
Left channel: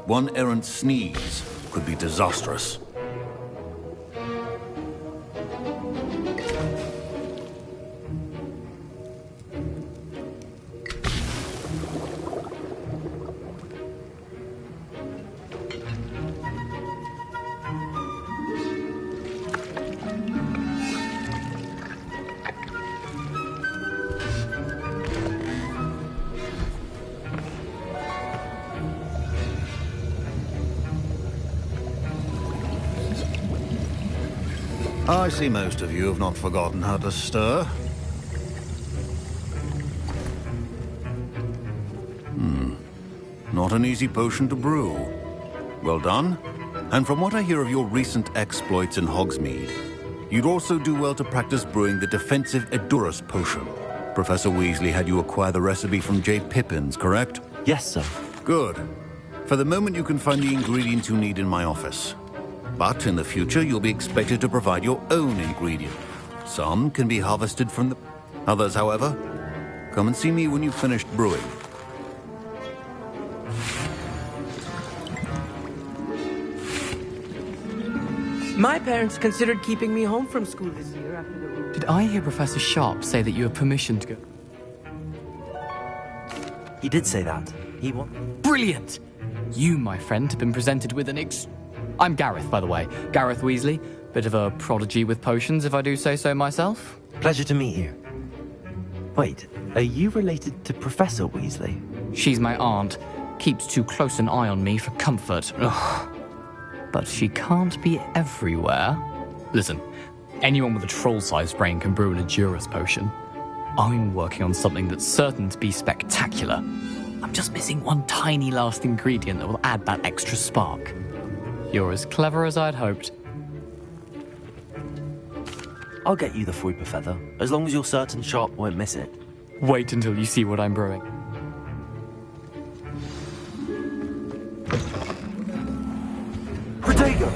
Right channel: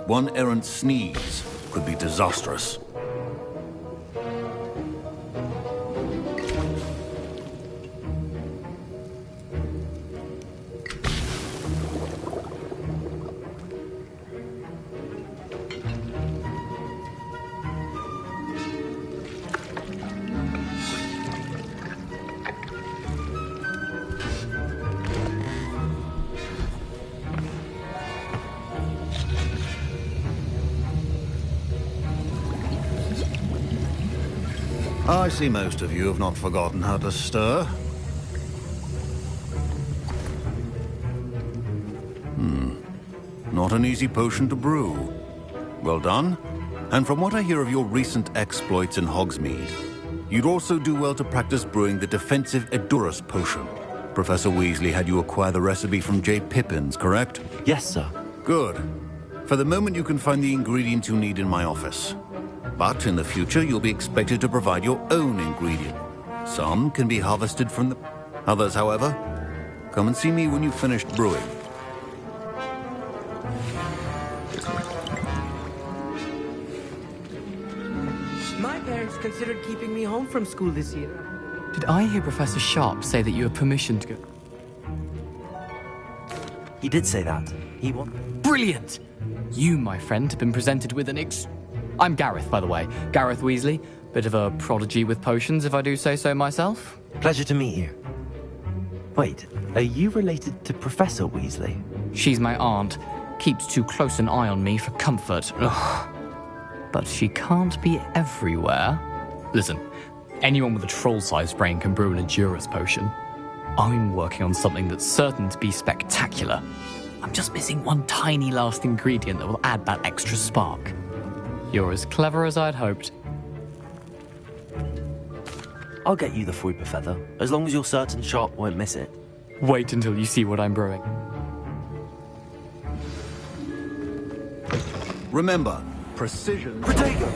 One errant sneeze could be disastrous. I see most of you have not forgotten how to stir. Not an easy potion to brew. Well done. And from what I hear of your recent exploits in Hogsmeade, you'd also do well to practice brewing the defensive Edurus potion. Professor Weasley had you acquire the recipe from J. Pippins, correct? Yes, sir. Good. For the moment, you can find the ingredients you need in my office. But in the future, you'll be expected to provide your own ingredient. Some can be harvested from the... Others, however, come and see me when you've finished brewing. My parents considered keeping me home from school this year. Did I hear Professor Sharp say that you have permission to go? He did say that. He won. Brilliant! You, my friend, have been presented with an I'm Gareth, by the way. Gareth Weasley. Bit of a prodigy with potions, if I do say so myself. Pleasure to meet you. Wait, are you related to Professor Weasley? She's my aunt. Keeps too close an eye on me for comfort. Ugh. But she can't be everywhere. Listen, anyone with a troll-sized brain can brew an Edurus potion. I'm working on something that's certain to be spectacular. I'm just missing one tiny last ingredient that will add that extra spark. You're as clever as I'd hoped. I'll get you the Fruiper Feather, as long as you're certain Sharp won't miss it. Wait until you see what I'm brewing. Remember, precision... Protego!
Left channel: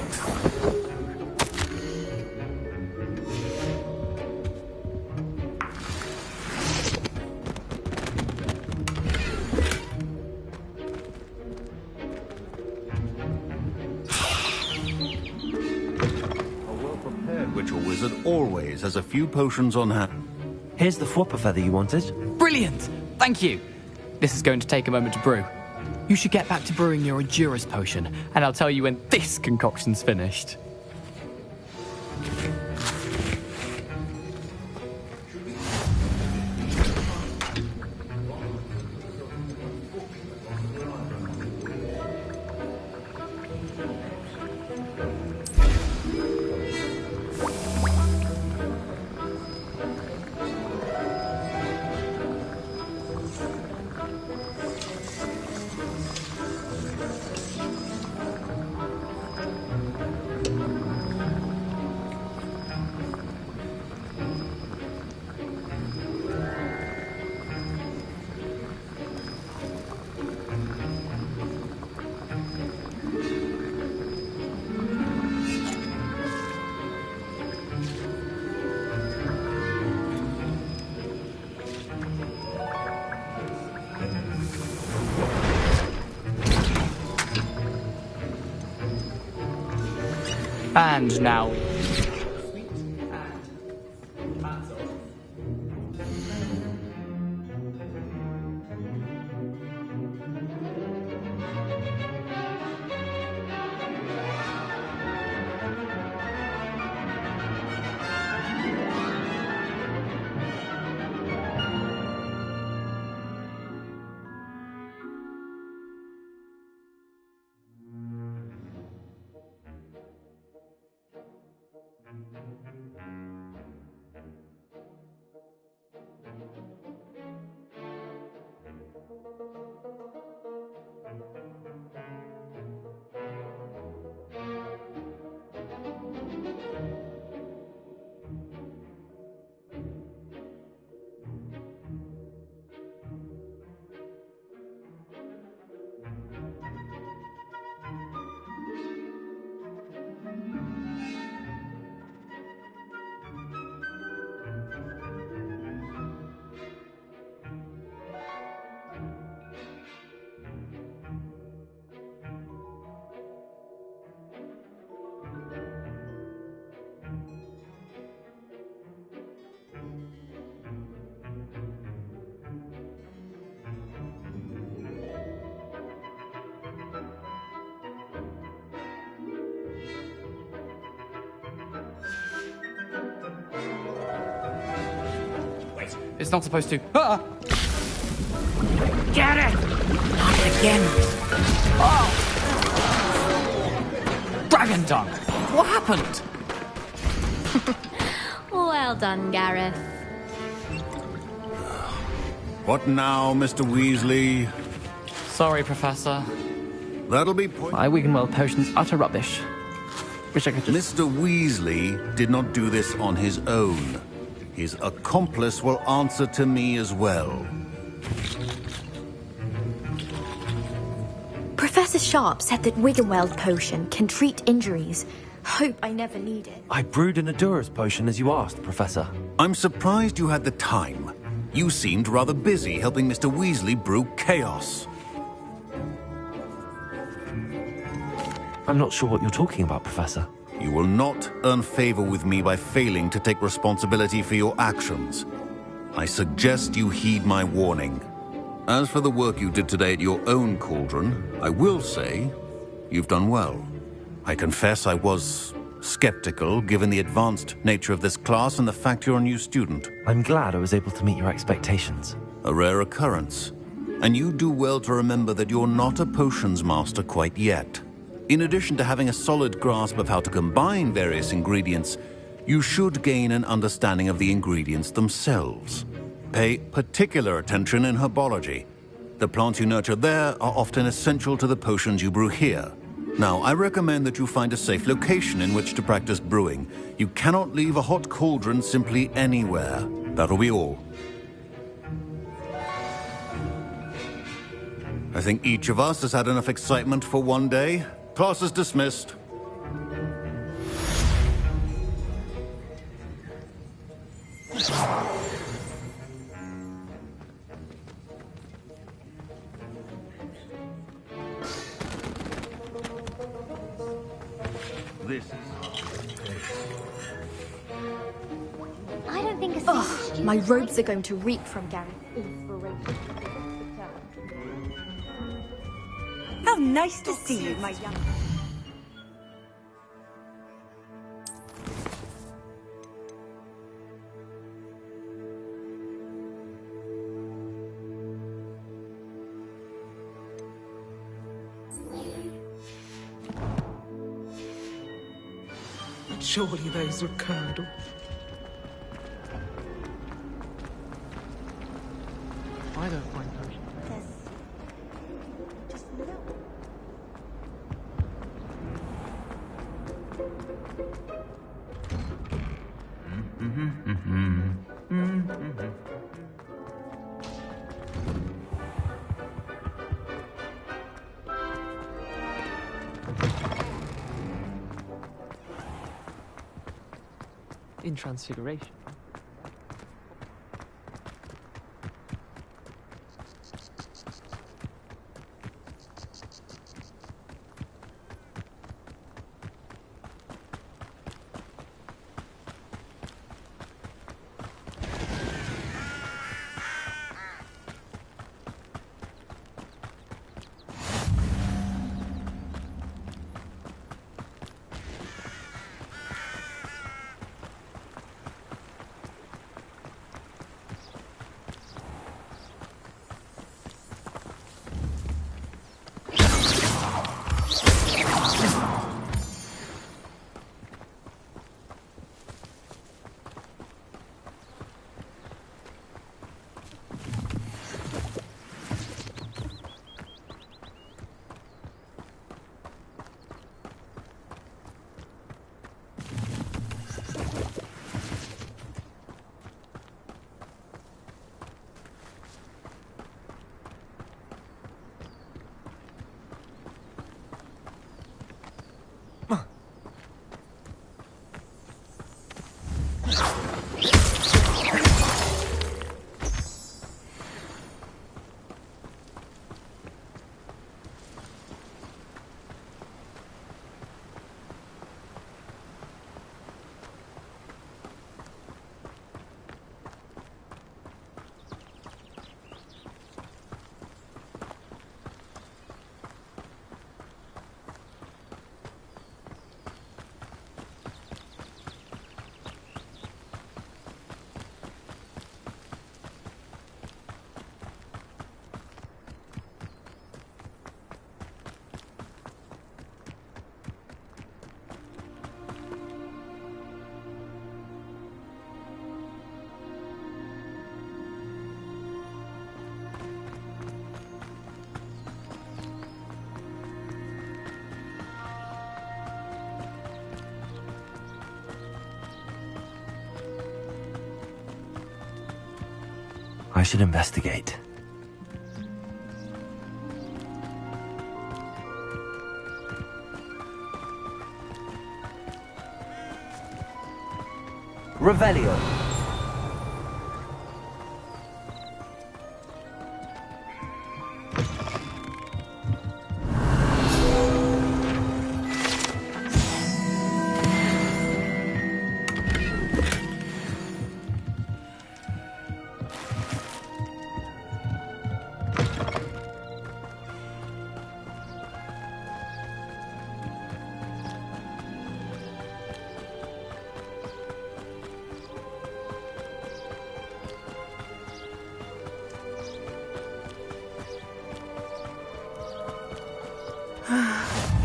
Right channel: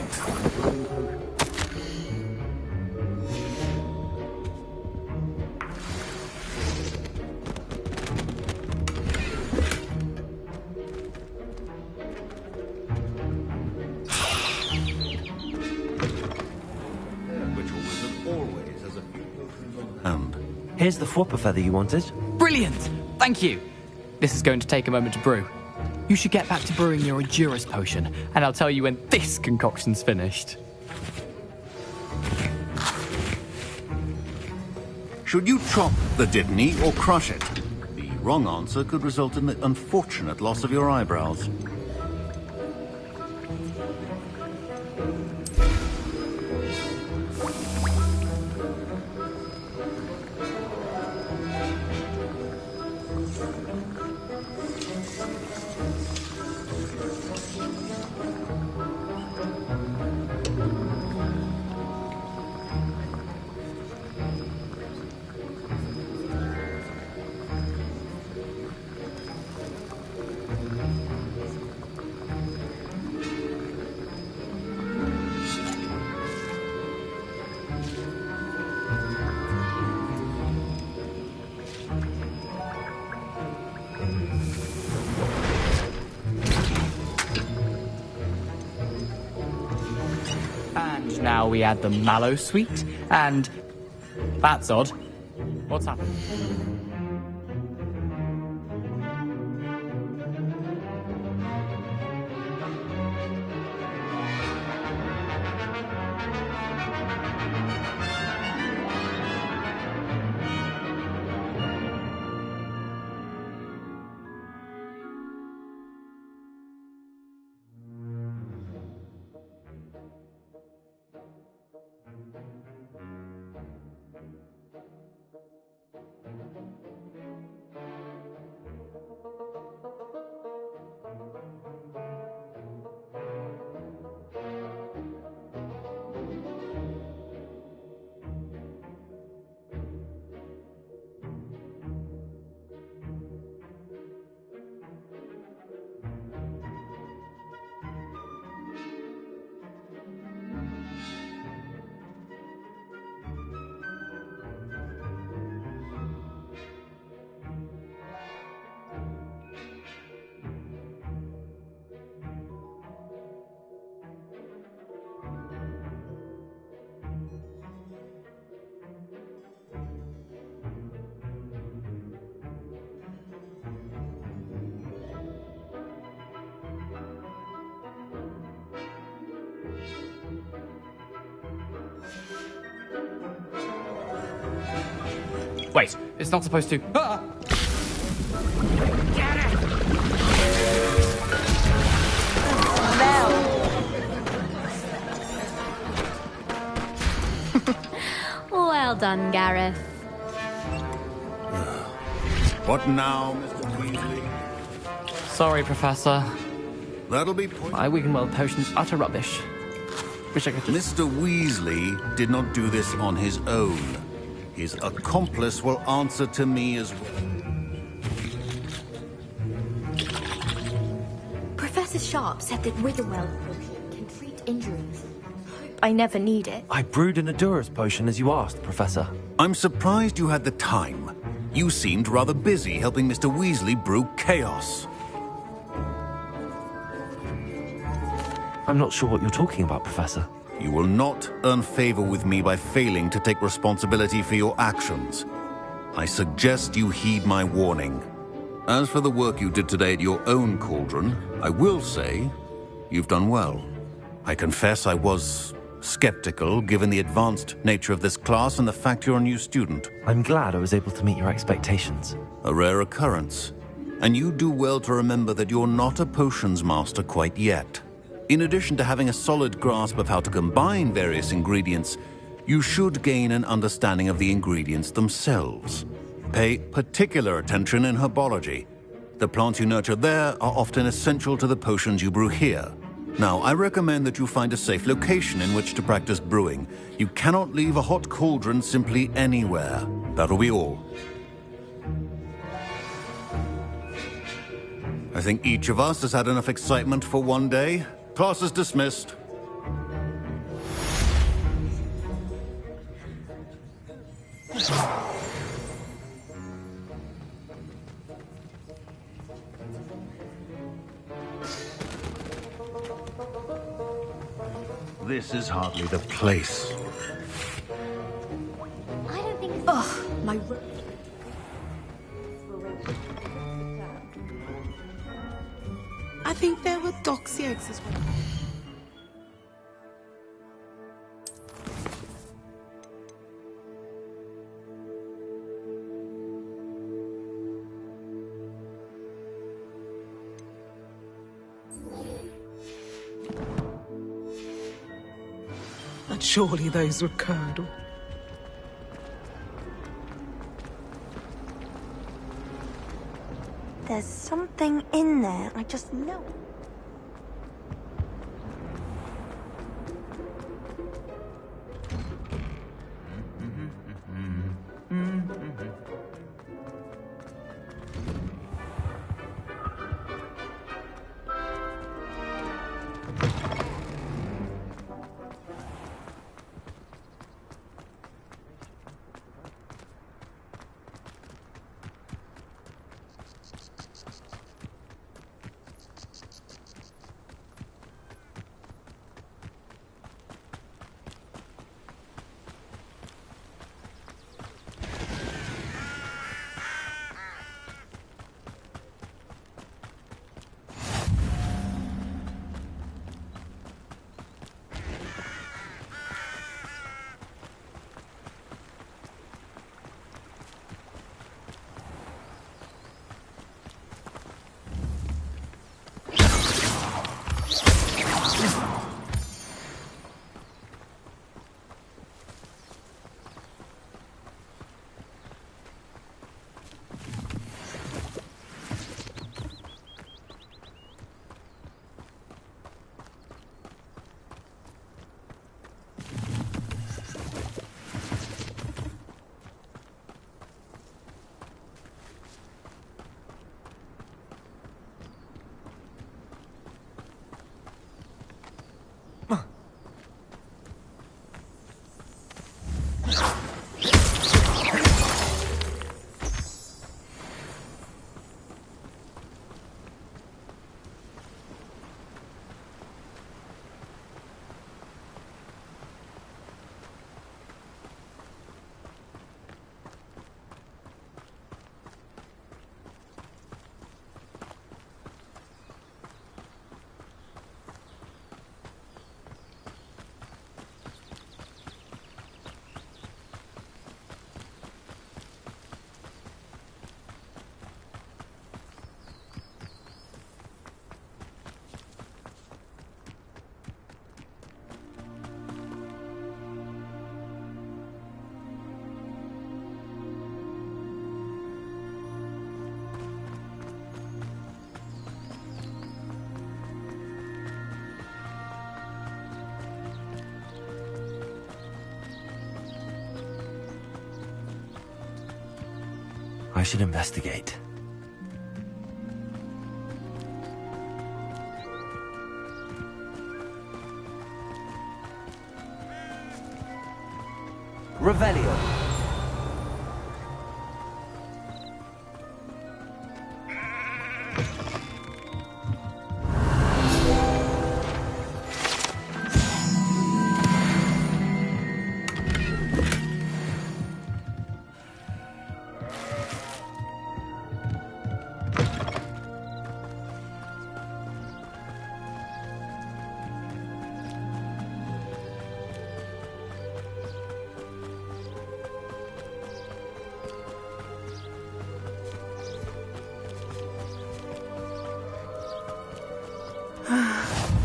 Witcher wizard always has a few potions on hand. Here's the Fruiper Feather you wanted. Brilliant! Thank you! This is going to take a moment to brew. You should get back to brewing your Edurus potion, and I'll tell you when this concoction's finished. Should you chop the Dittany or crush it? The wrong answer could result in the unfortunate loss of your eyebrows. And now we add the mallow sweet, and... That's odd. What's happened? Wait, it's not supposed to... Ah! Get it! Dragon Dunk! What happened? Well done, Gareth. What now, Mr. Weasley? Sorry, Professor. That'll be... My Wiggenweld potion's utter rubbish. Wish I could just... Mr. Weasley did not do this on his own. His accomplice will answer to me as well. Professor Sharp said that Wiggenweld potion can treat injuries. Hope I never need it. I brewed an Adura's potion as you asked, Professor. I'm surprised you had the time. You seemed rather busy helping Mr. Weasley brew chaos. I'm not sure what you're talking about, Professor. You will not earn favor with me by failing to take responsibility for your actions. I suggest you heed my warning. As for the work you did today at your own cauldron, I will say you've done well. I confess I was skeptical, given the advanced nature of this class and the fact you're a new student. I'm glad I was able to meet your expectations. A rare occurrence. And you do well to remember that you're not a potions master quite yet. In addition to having a solid grasp of how to combine various ingredients, you should gain an understanding of the ingredients themselves. Pay particular attention in herbology. The plants you nurture there are often essential to the potions you brew here. Now, I recommend that you find a safe location in which to practice brewing. You cannot leave a hot cauldron simply anywhere. That'll be all. I think each of us has had enough excitement for one day. Class is dismissed. This is hardly the place. I don't think... Ugh, my robes are going to reek from Gareth's inspiration. I think they're nice to doxiers see you, as my well. young... And surely those were curdle. There's something in there, I just know. In Transfiguration. I should investigate. Revelio.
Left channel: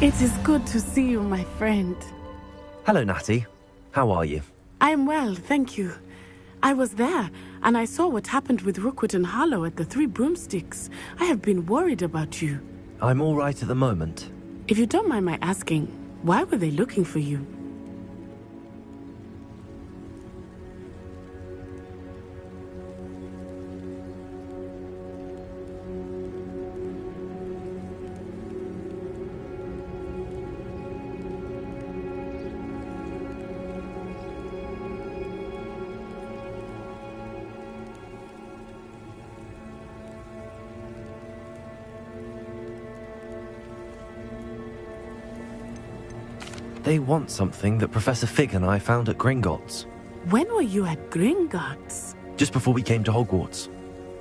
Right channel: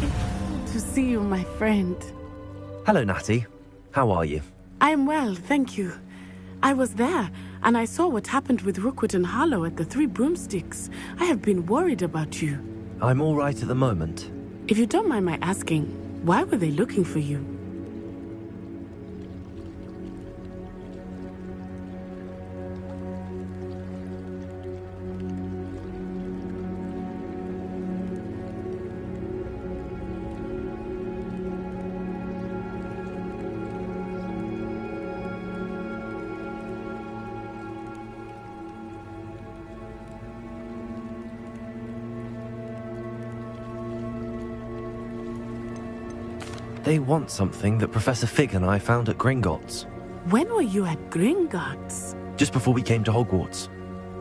It is good to see you, my friend. Hello, Natty. How are you? I am well, thank you. I was there, and I saw what happened with Rookwood and Harlow at the Three Broomsticks. I have been worried about you. I'm all right at the moment. If you don't mind my asking, why were they looking for you? They want something that Professor Fig and I found at Gringotts. When were you at Gringotts? Just before we came to Hogwarts.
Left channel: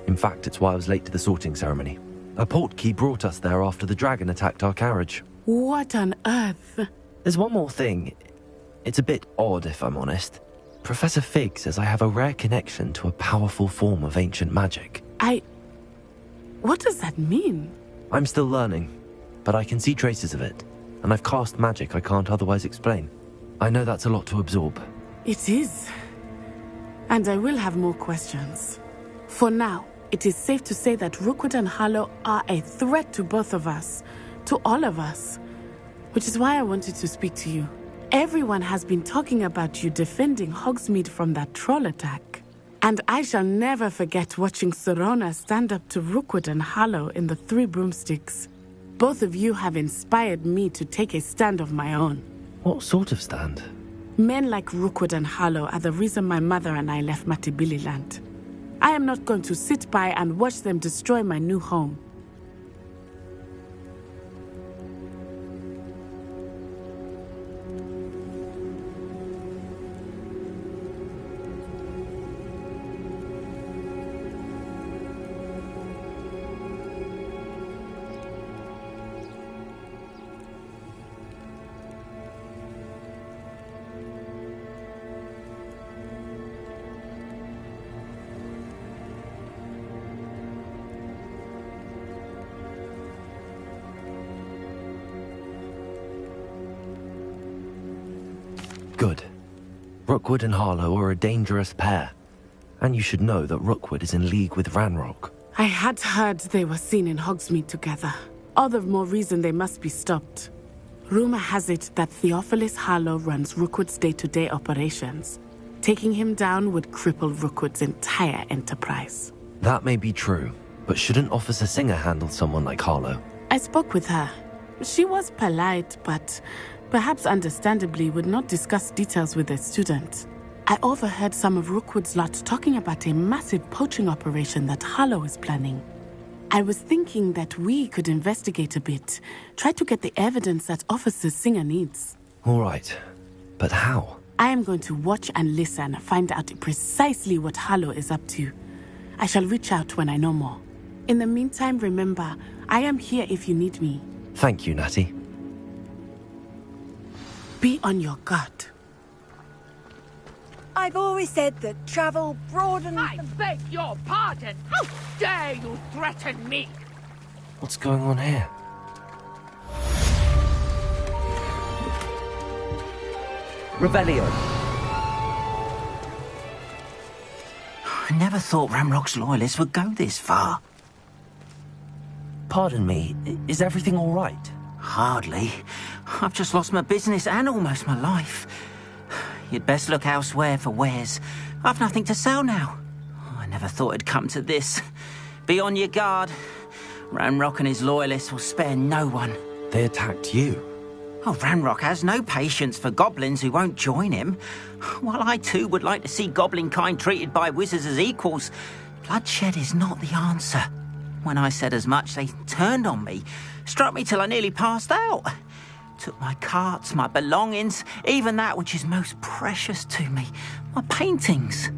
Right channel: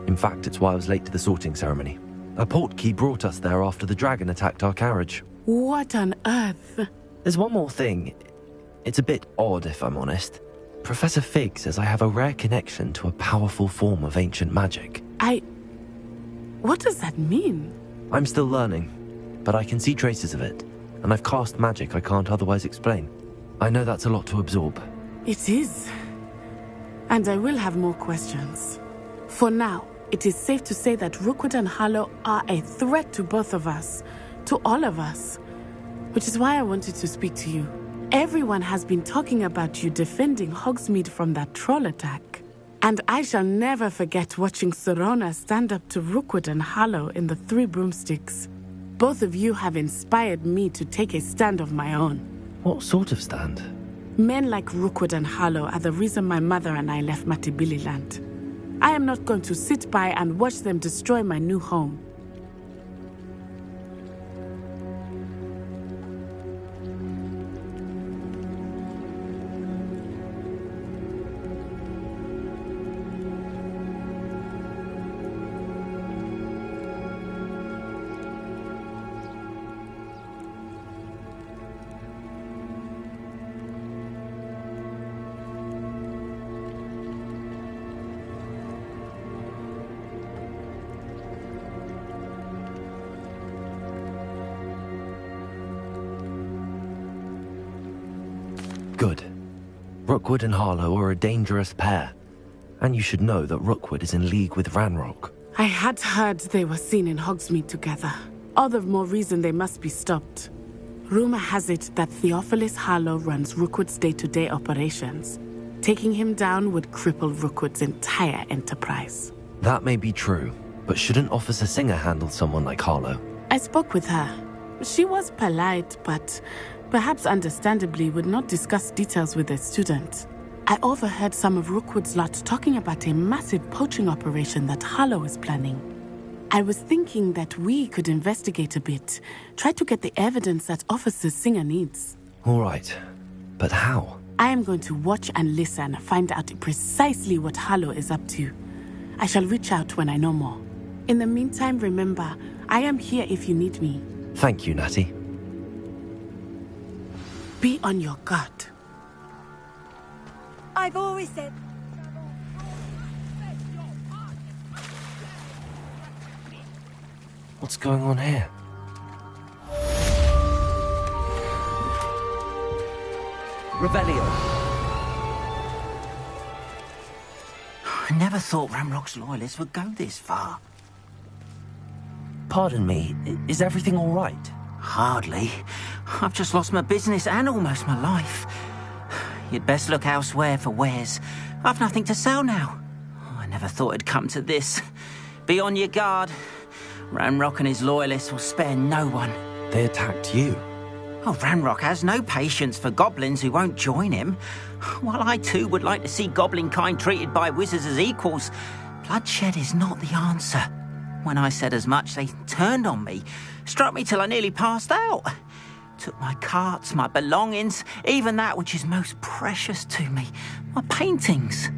In fact, it's why I was late to the sorting ceremony. A portkey brought us there after the dragon attacked our carriage. What on earth? There's one more thing. It's a bit odd, if I'm honest. Professor Fig says I have a rare connection to a powerful form of ancient magic. What does that mean? I'm still learning, but I can see traces of it. And I've cast magic I can't otherwise explain. I know that's a lot to absorb. It is. And I will have more questions. For now, it is safe to say that Rookwood and Harlow are a threat to both of us. To all of us. Which is why I wanted to speak to you. Everyone has been talking about you defending Hogsmeade from that troll attack. And I shall never forget watching Serona stand up to Rookwood and Harlow in the Three Broomsticks. Both of you have inspired me to take a stand of my own. What sort of stand? Men like Rookwood and Harlow are the reason my mother and I left Matibili-land. I am not going to sit by and watch them destroy my new home. Good. Rookwood and Harlow are a dangerous pair. And you should know that Rookwood is in league with Ranrock. I had heard they were seen in Hogsmeade together. All the more reason they must be stopped. Rumor has it that Theophilus Harlow runs Rookwood's day-to-day operations. Taking him down would cripple Rookwood's entire enterprise. That may be true, but shouldn't Officer Singer handle someone like Harlow? I spoke with her. She was polite, but perhaps understandably would not discuss details with a student. I overheard some of Rookwood's lot talking about a massive poaching operation that Harlow is planning. I was thinking that we could investigate a bit, try to get the evidence that Officer Singer needs. All right, but how? I am going to watch and listen, find out precisely what Harlow is up to. I shall reach out when I know more. In the meantime, remember, I am here if you need me. Thank you, Natty. Be on your guard. I've always said that travel broadens... I beg your pardon! How dare you threaten me? What's going on here? Revelio. I never thought Ramrock's loyalists would go this far. Pardon me, is everything all right? Hardly. I've just lost my business and almost my life. You'd best look elsewhere for wares. I've nothing to sell now. I Never thought it'd come to this. Be on your guard. Ranrock and his loyalists will spare no one. They attacked you? Oh, Ranrock has no patience for goblins who won't join him. While I too would like to see goblin kind treated by wizards as equals, bloodshed is not the answer. When I said as much, they turned on me, struck me till I nearly passed out. Took my carts, my belongings, even that which is most precious to me, my paintings.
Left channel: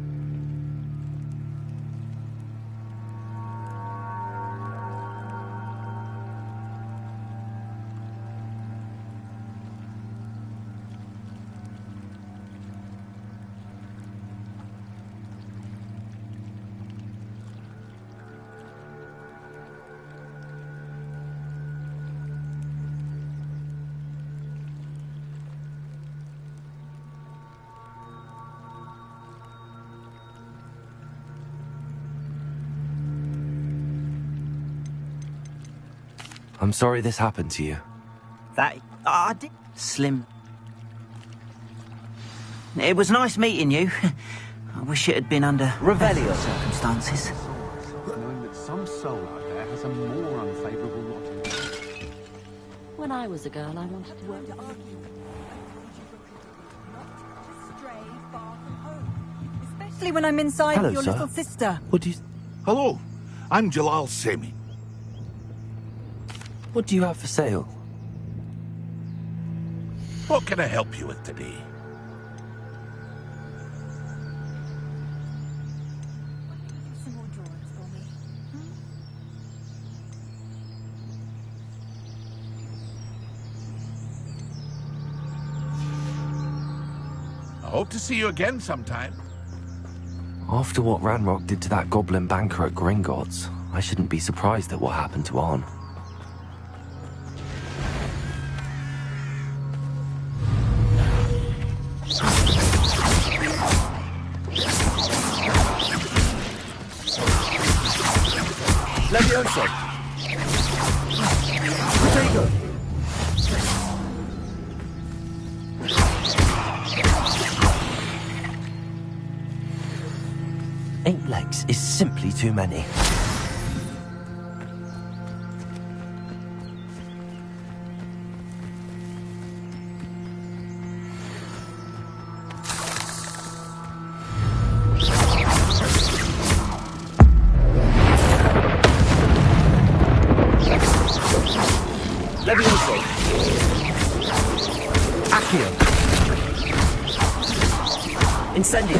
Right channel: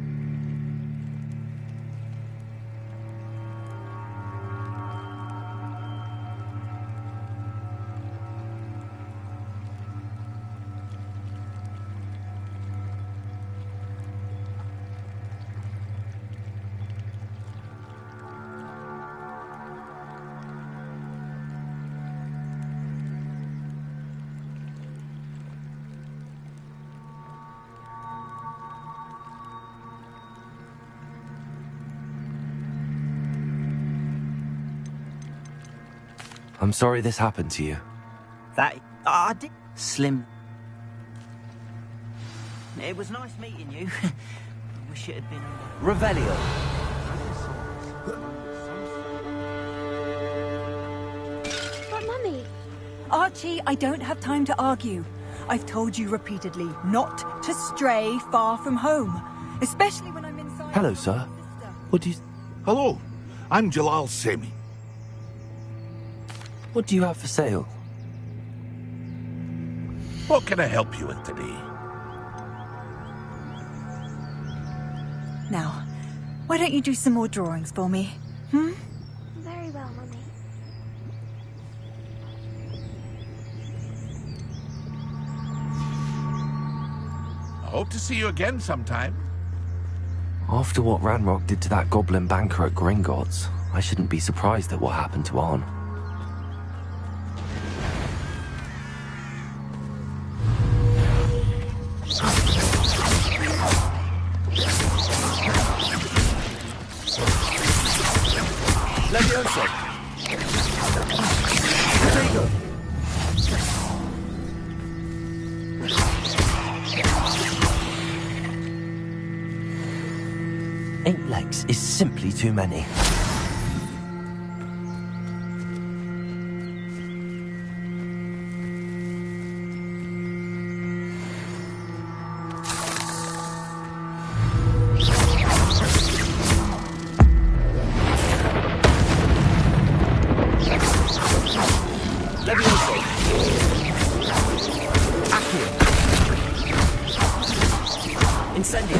I'm sorry this happened to you. I did. Slim. It was nice meeting you. I wish it had been under Revelio circumstances. Archie, I don't have time to argue. I've told you repeatedly not to stray far from home, especially when I'm inside Hello, with your sir. little sister. What do you... Hello, I'm Jalal Semi. What do you have for sale? What can I help you with today? Now, why don't you do some more drawings for me? Hmm? Very well, Mummy. I hope to see you again sometime. After what Ranrock did to that goblin banker at Gringotts, I shouldn't be surprised at what happened to Arn. Levioso! Protego! Eight legs is simply too many. Levioso! Accio! Incendio!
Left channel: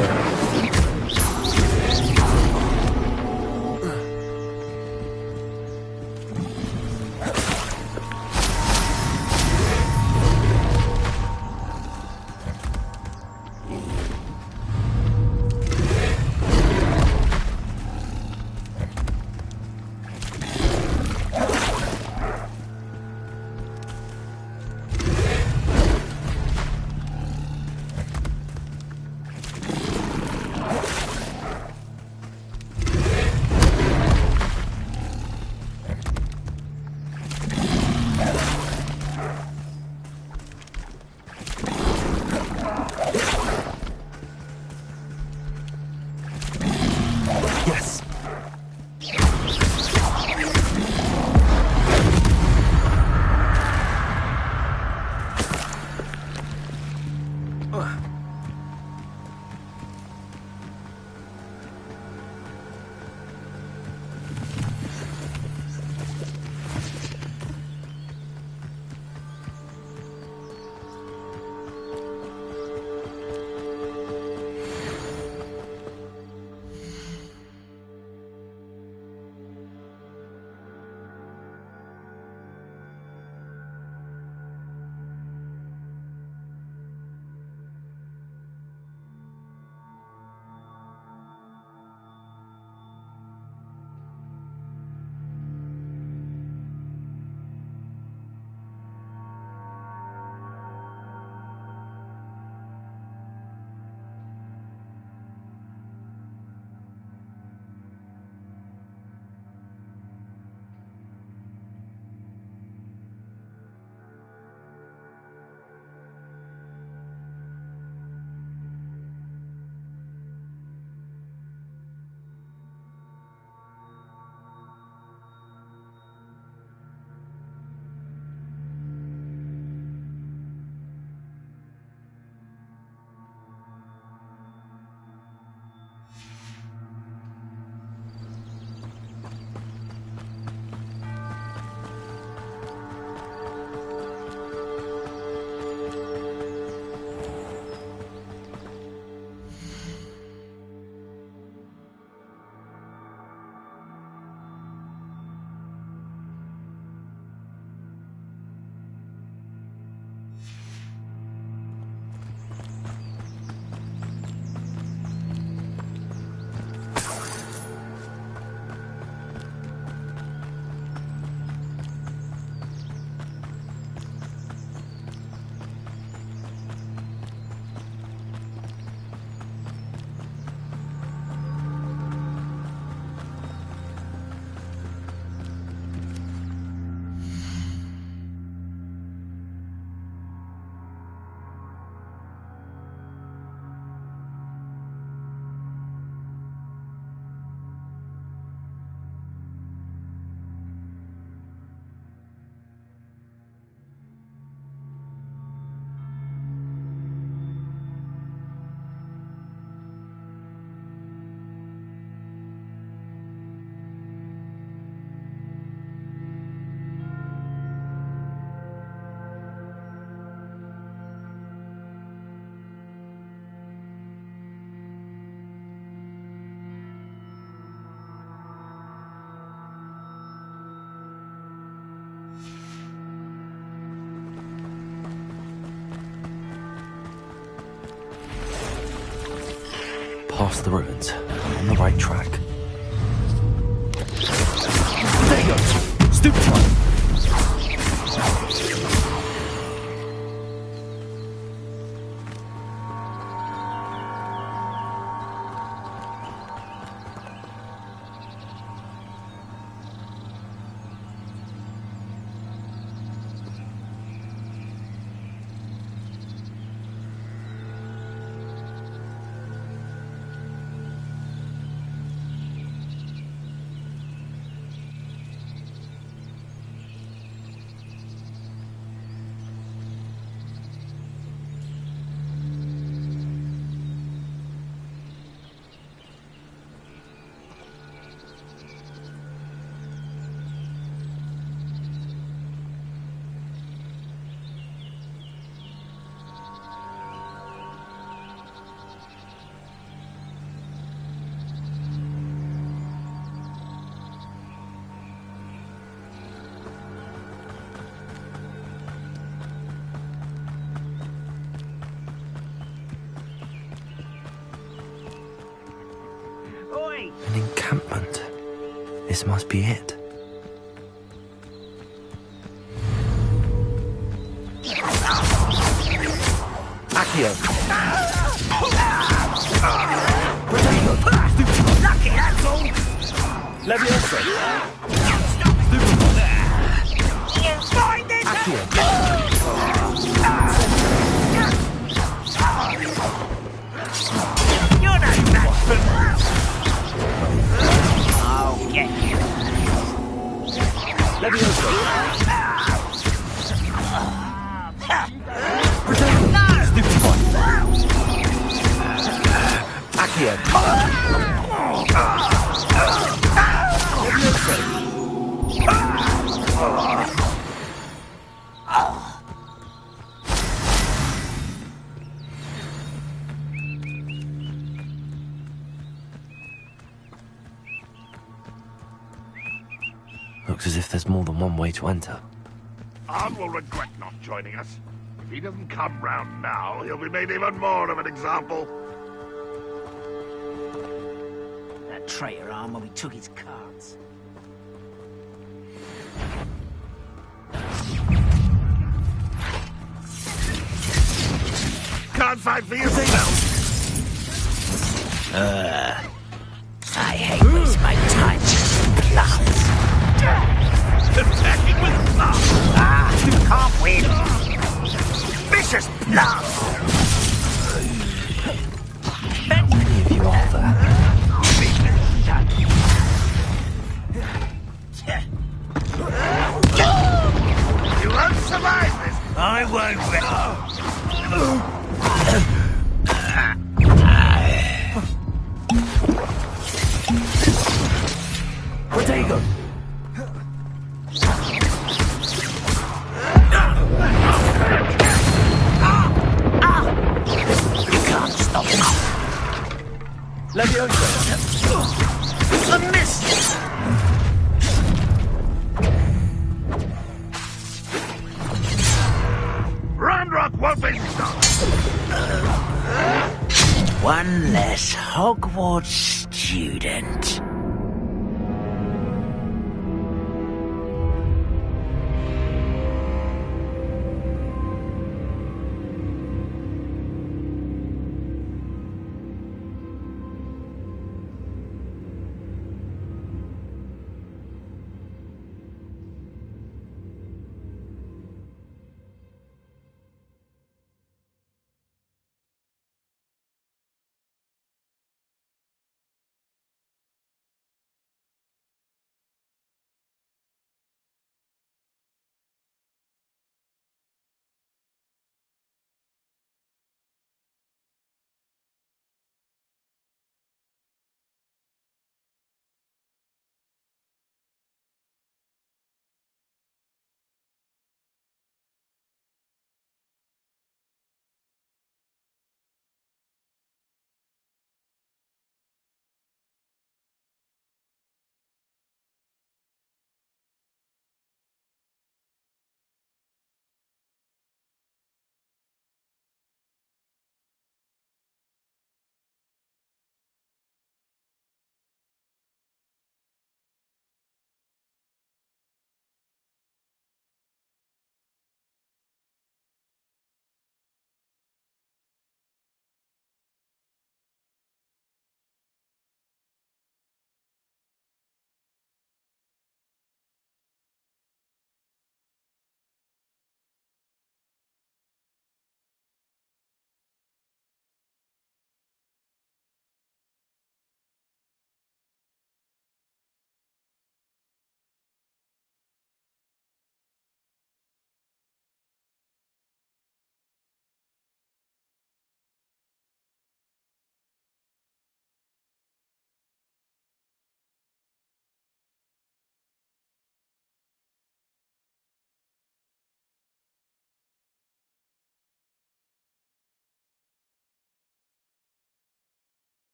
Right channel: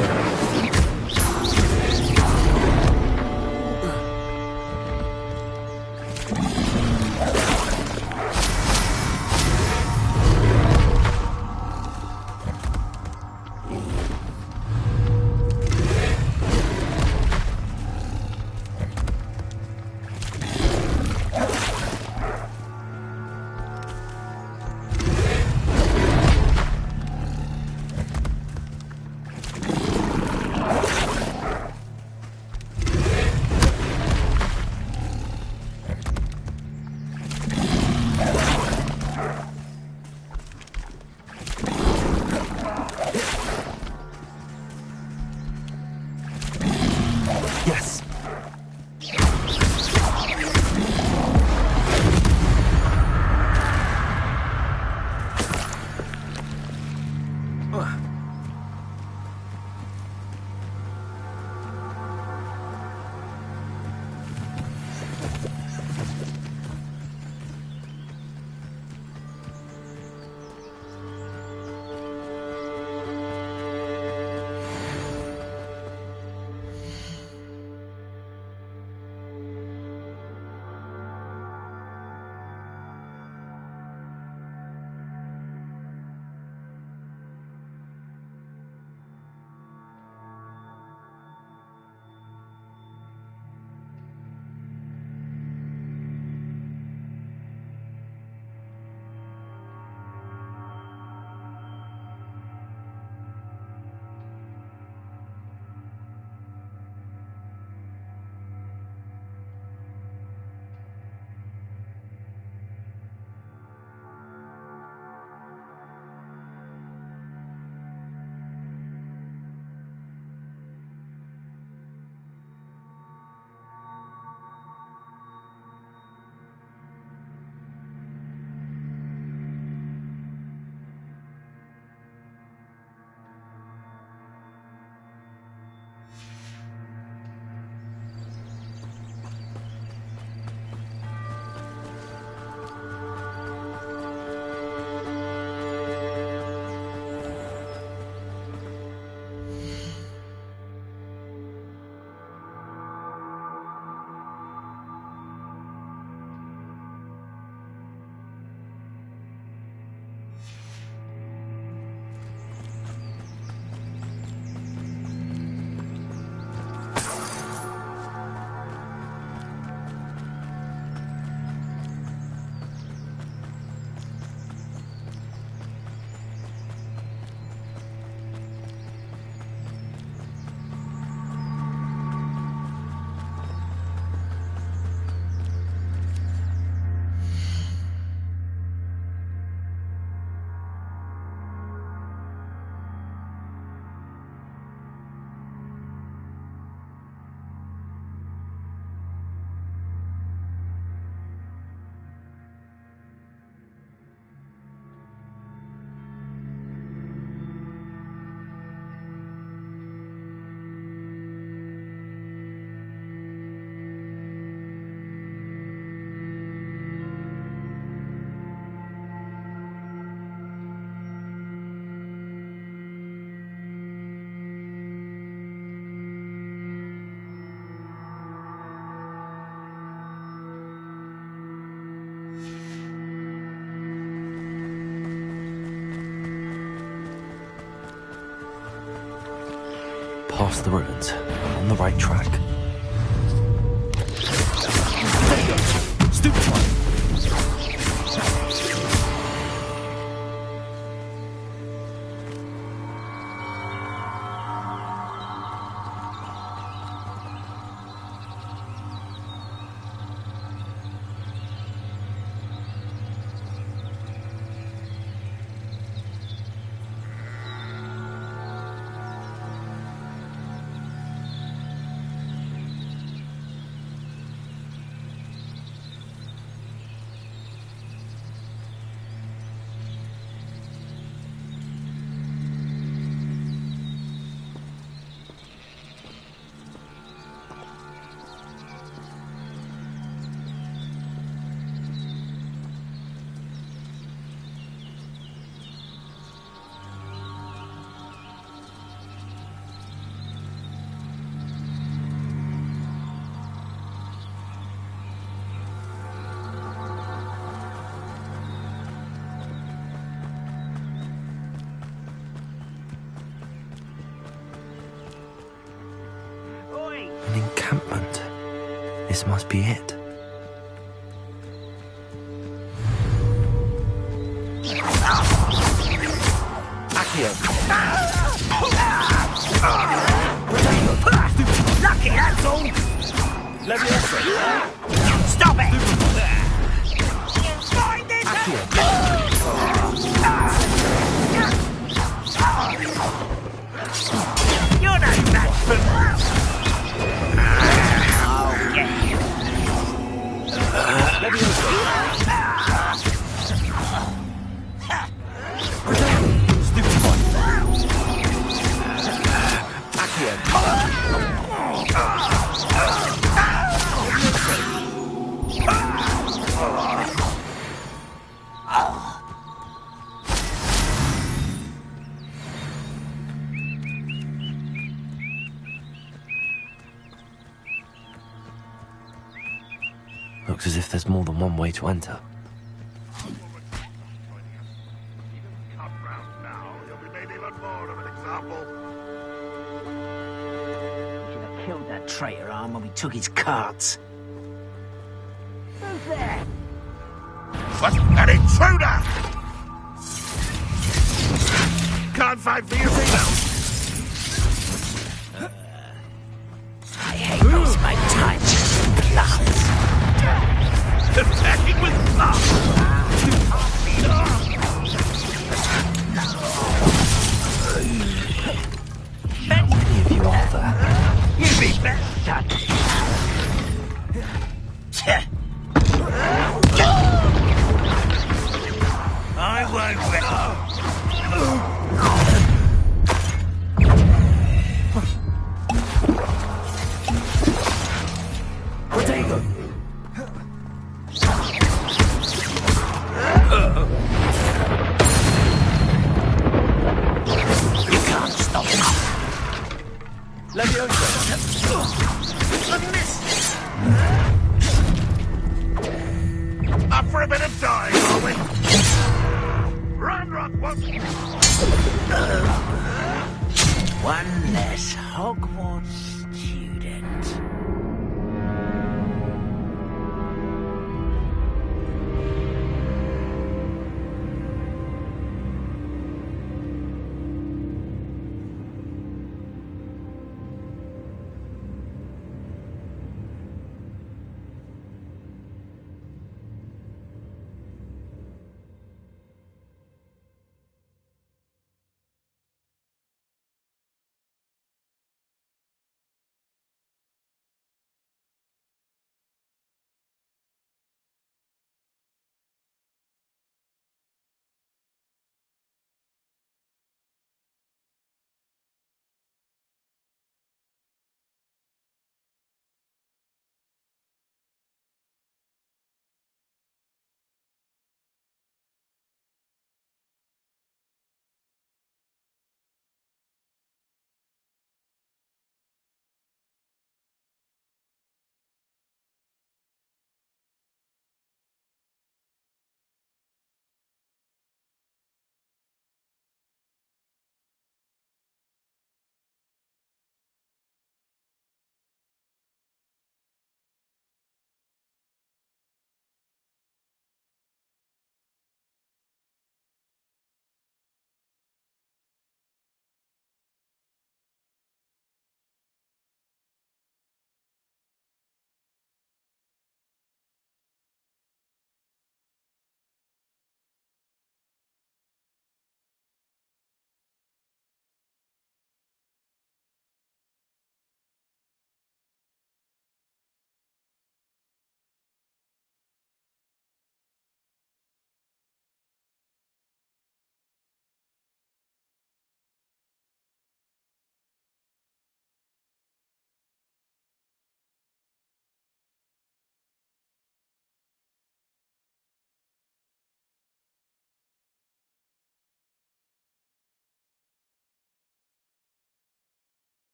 past the ruins. I'm on the right track. There you go. Stupefy. An encampment. This must be it. Accio. Lucky, that's all! Leviosa. Stop it! You find it! You're no match for me! I'll get you. Leviosa. Accio. Looks as if there's more than one way to enter. Arn will regret not joining us. If he doesn't come round now, he'll be made even more of an example. Killed that traitor Arn when we took his carts. What? An intruder! Can't fight for yourself! I hate most my touch. Gloves. Attacking with love! You can't win! Vicious love! How many of you are there? You'd be better done. I won't Protego. You can't stop him. Leviosa. A miss! Up for a bit of time, are we? Ranrock won't be One less Hogwarts student.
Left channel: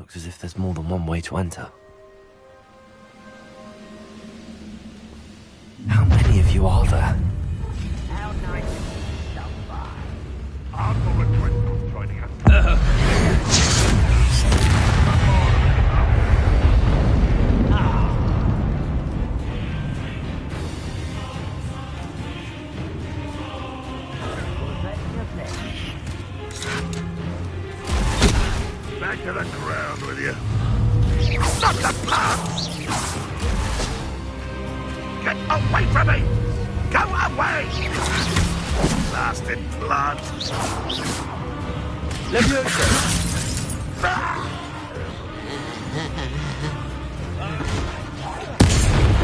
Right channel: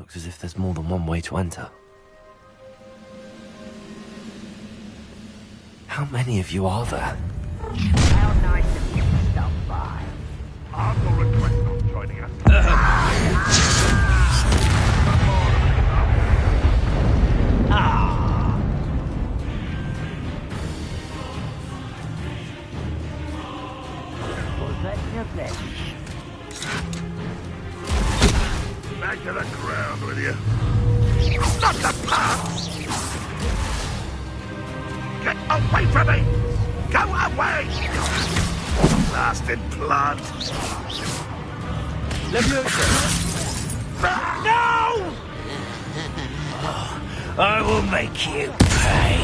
Looks as if there's more than one way to enter. How many of you are there? How nice of you to stop by. I will regret not joining us. Was that your flesh? Back to the ground with you. Not the path! Get away from me! Go away! Blasted plant! Leviosa! No! I will make you pay.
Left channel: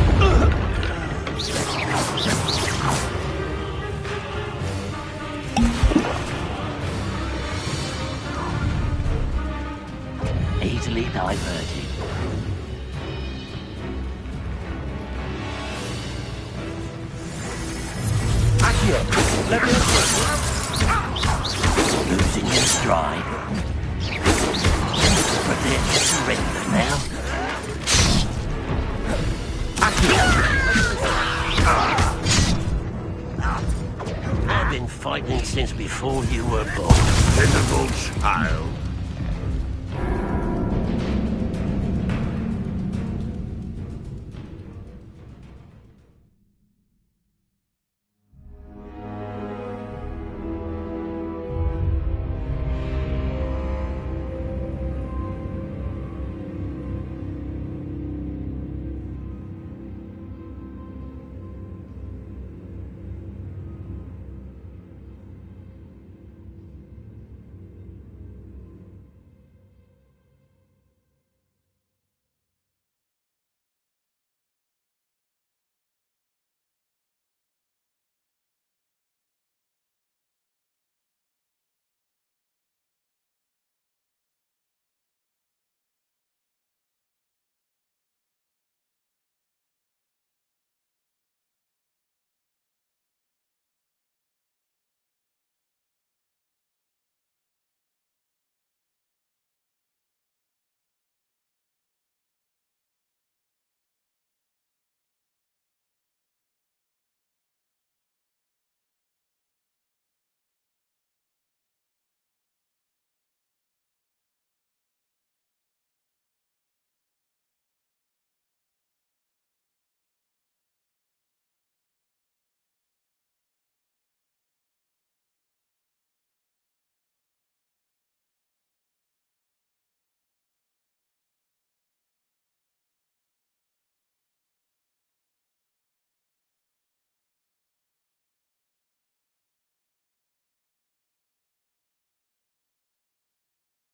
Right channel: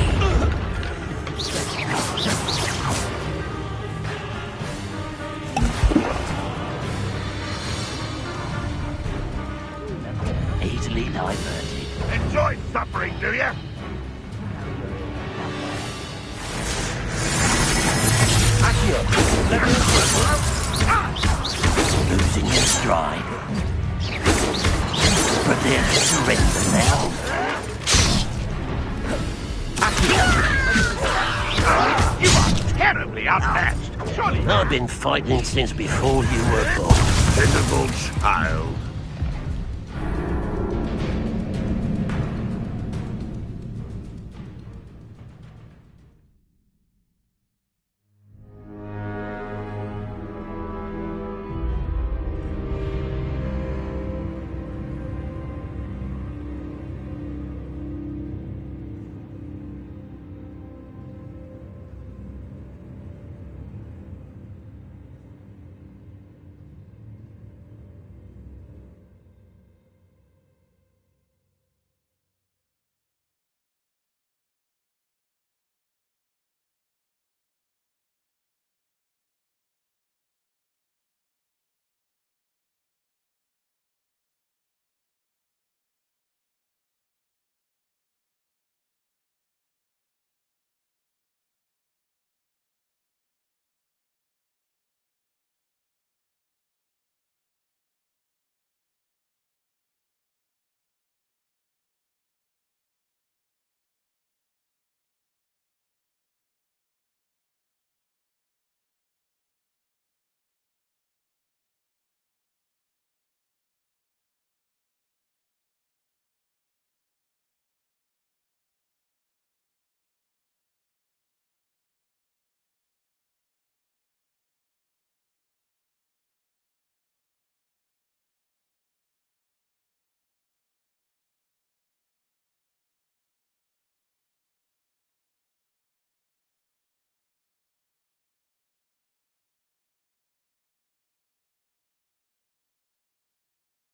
Easily diverted. Enjoy suffering, do you? Accio! Leviosa! Losing your stride. Prepare to surrender now. Terribly outmatched. I've been fighting since before you were born. Pitiful child.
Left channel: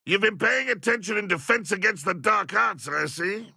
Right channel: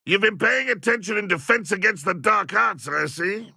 You've been paying attention in defense against the dark arts, I see.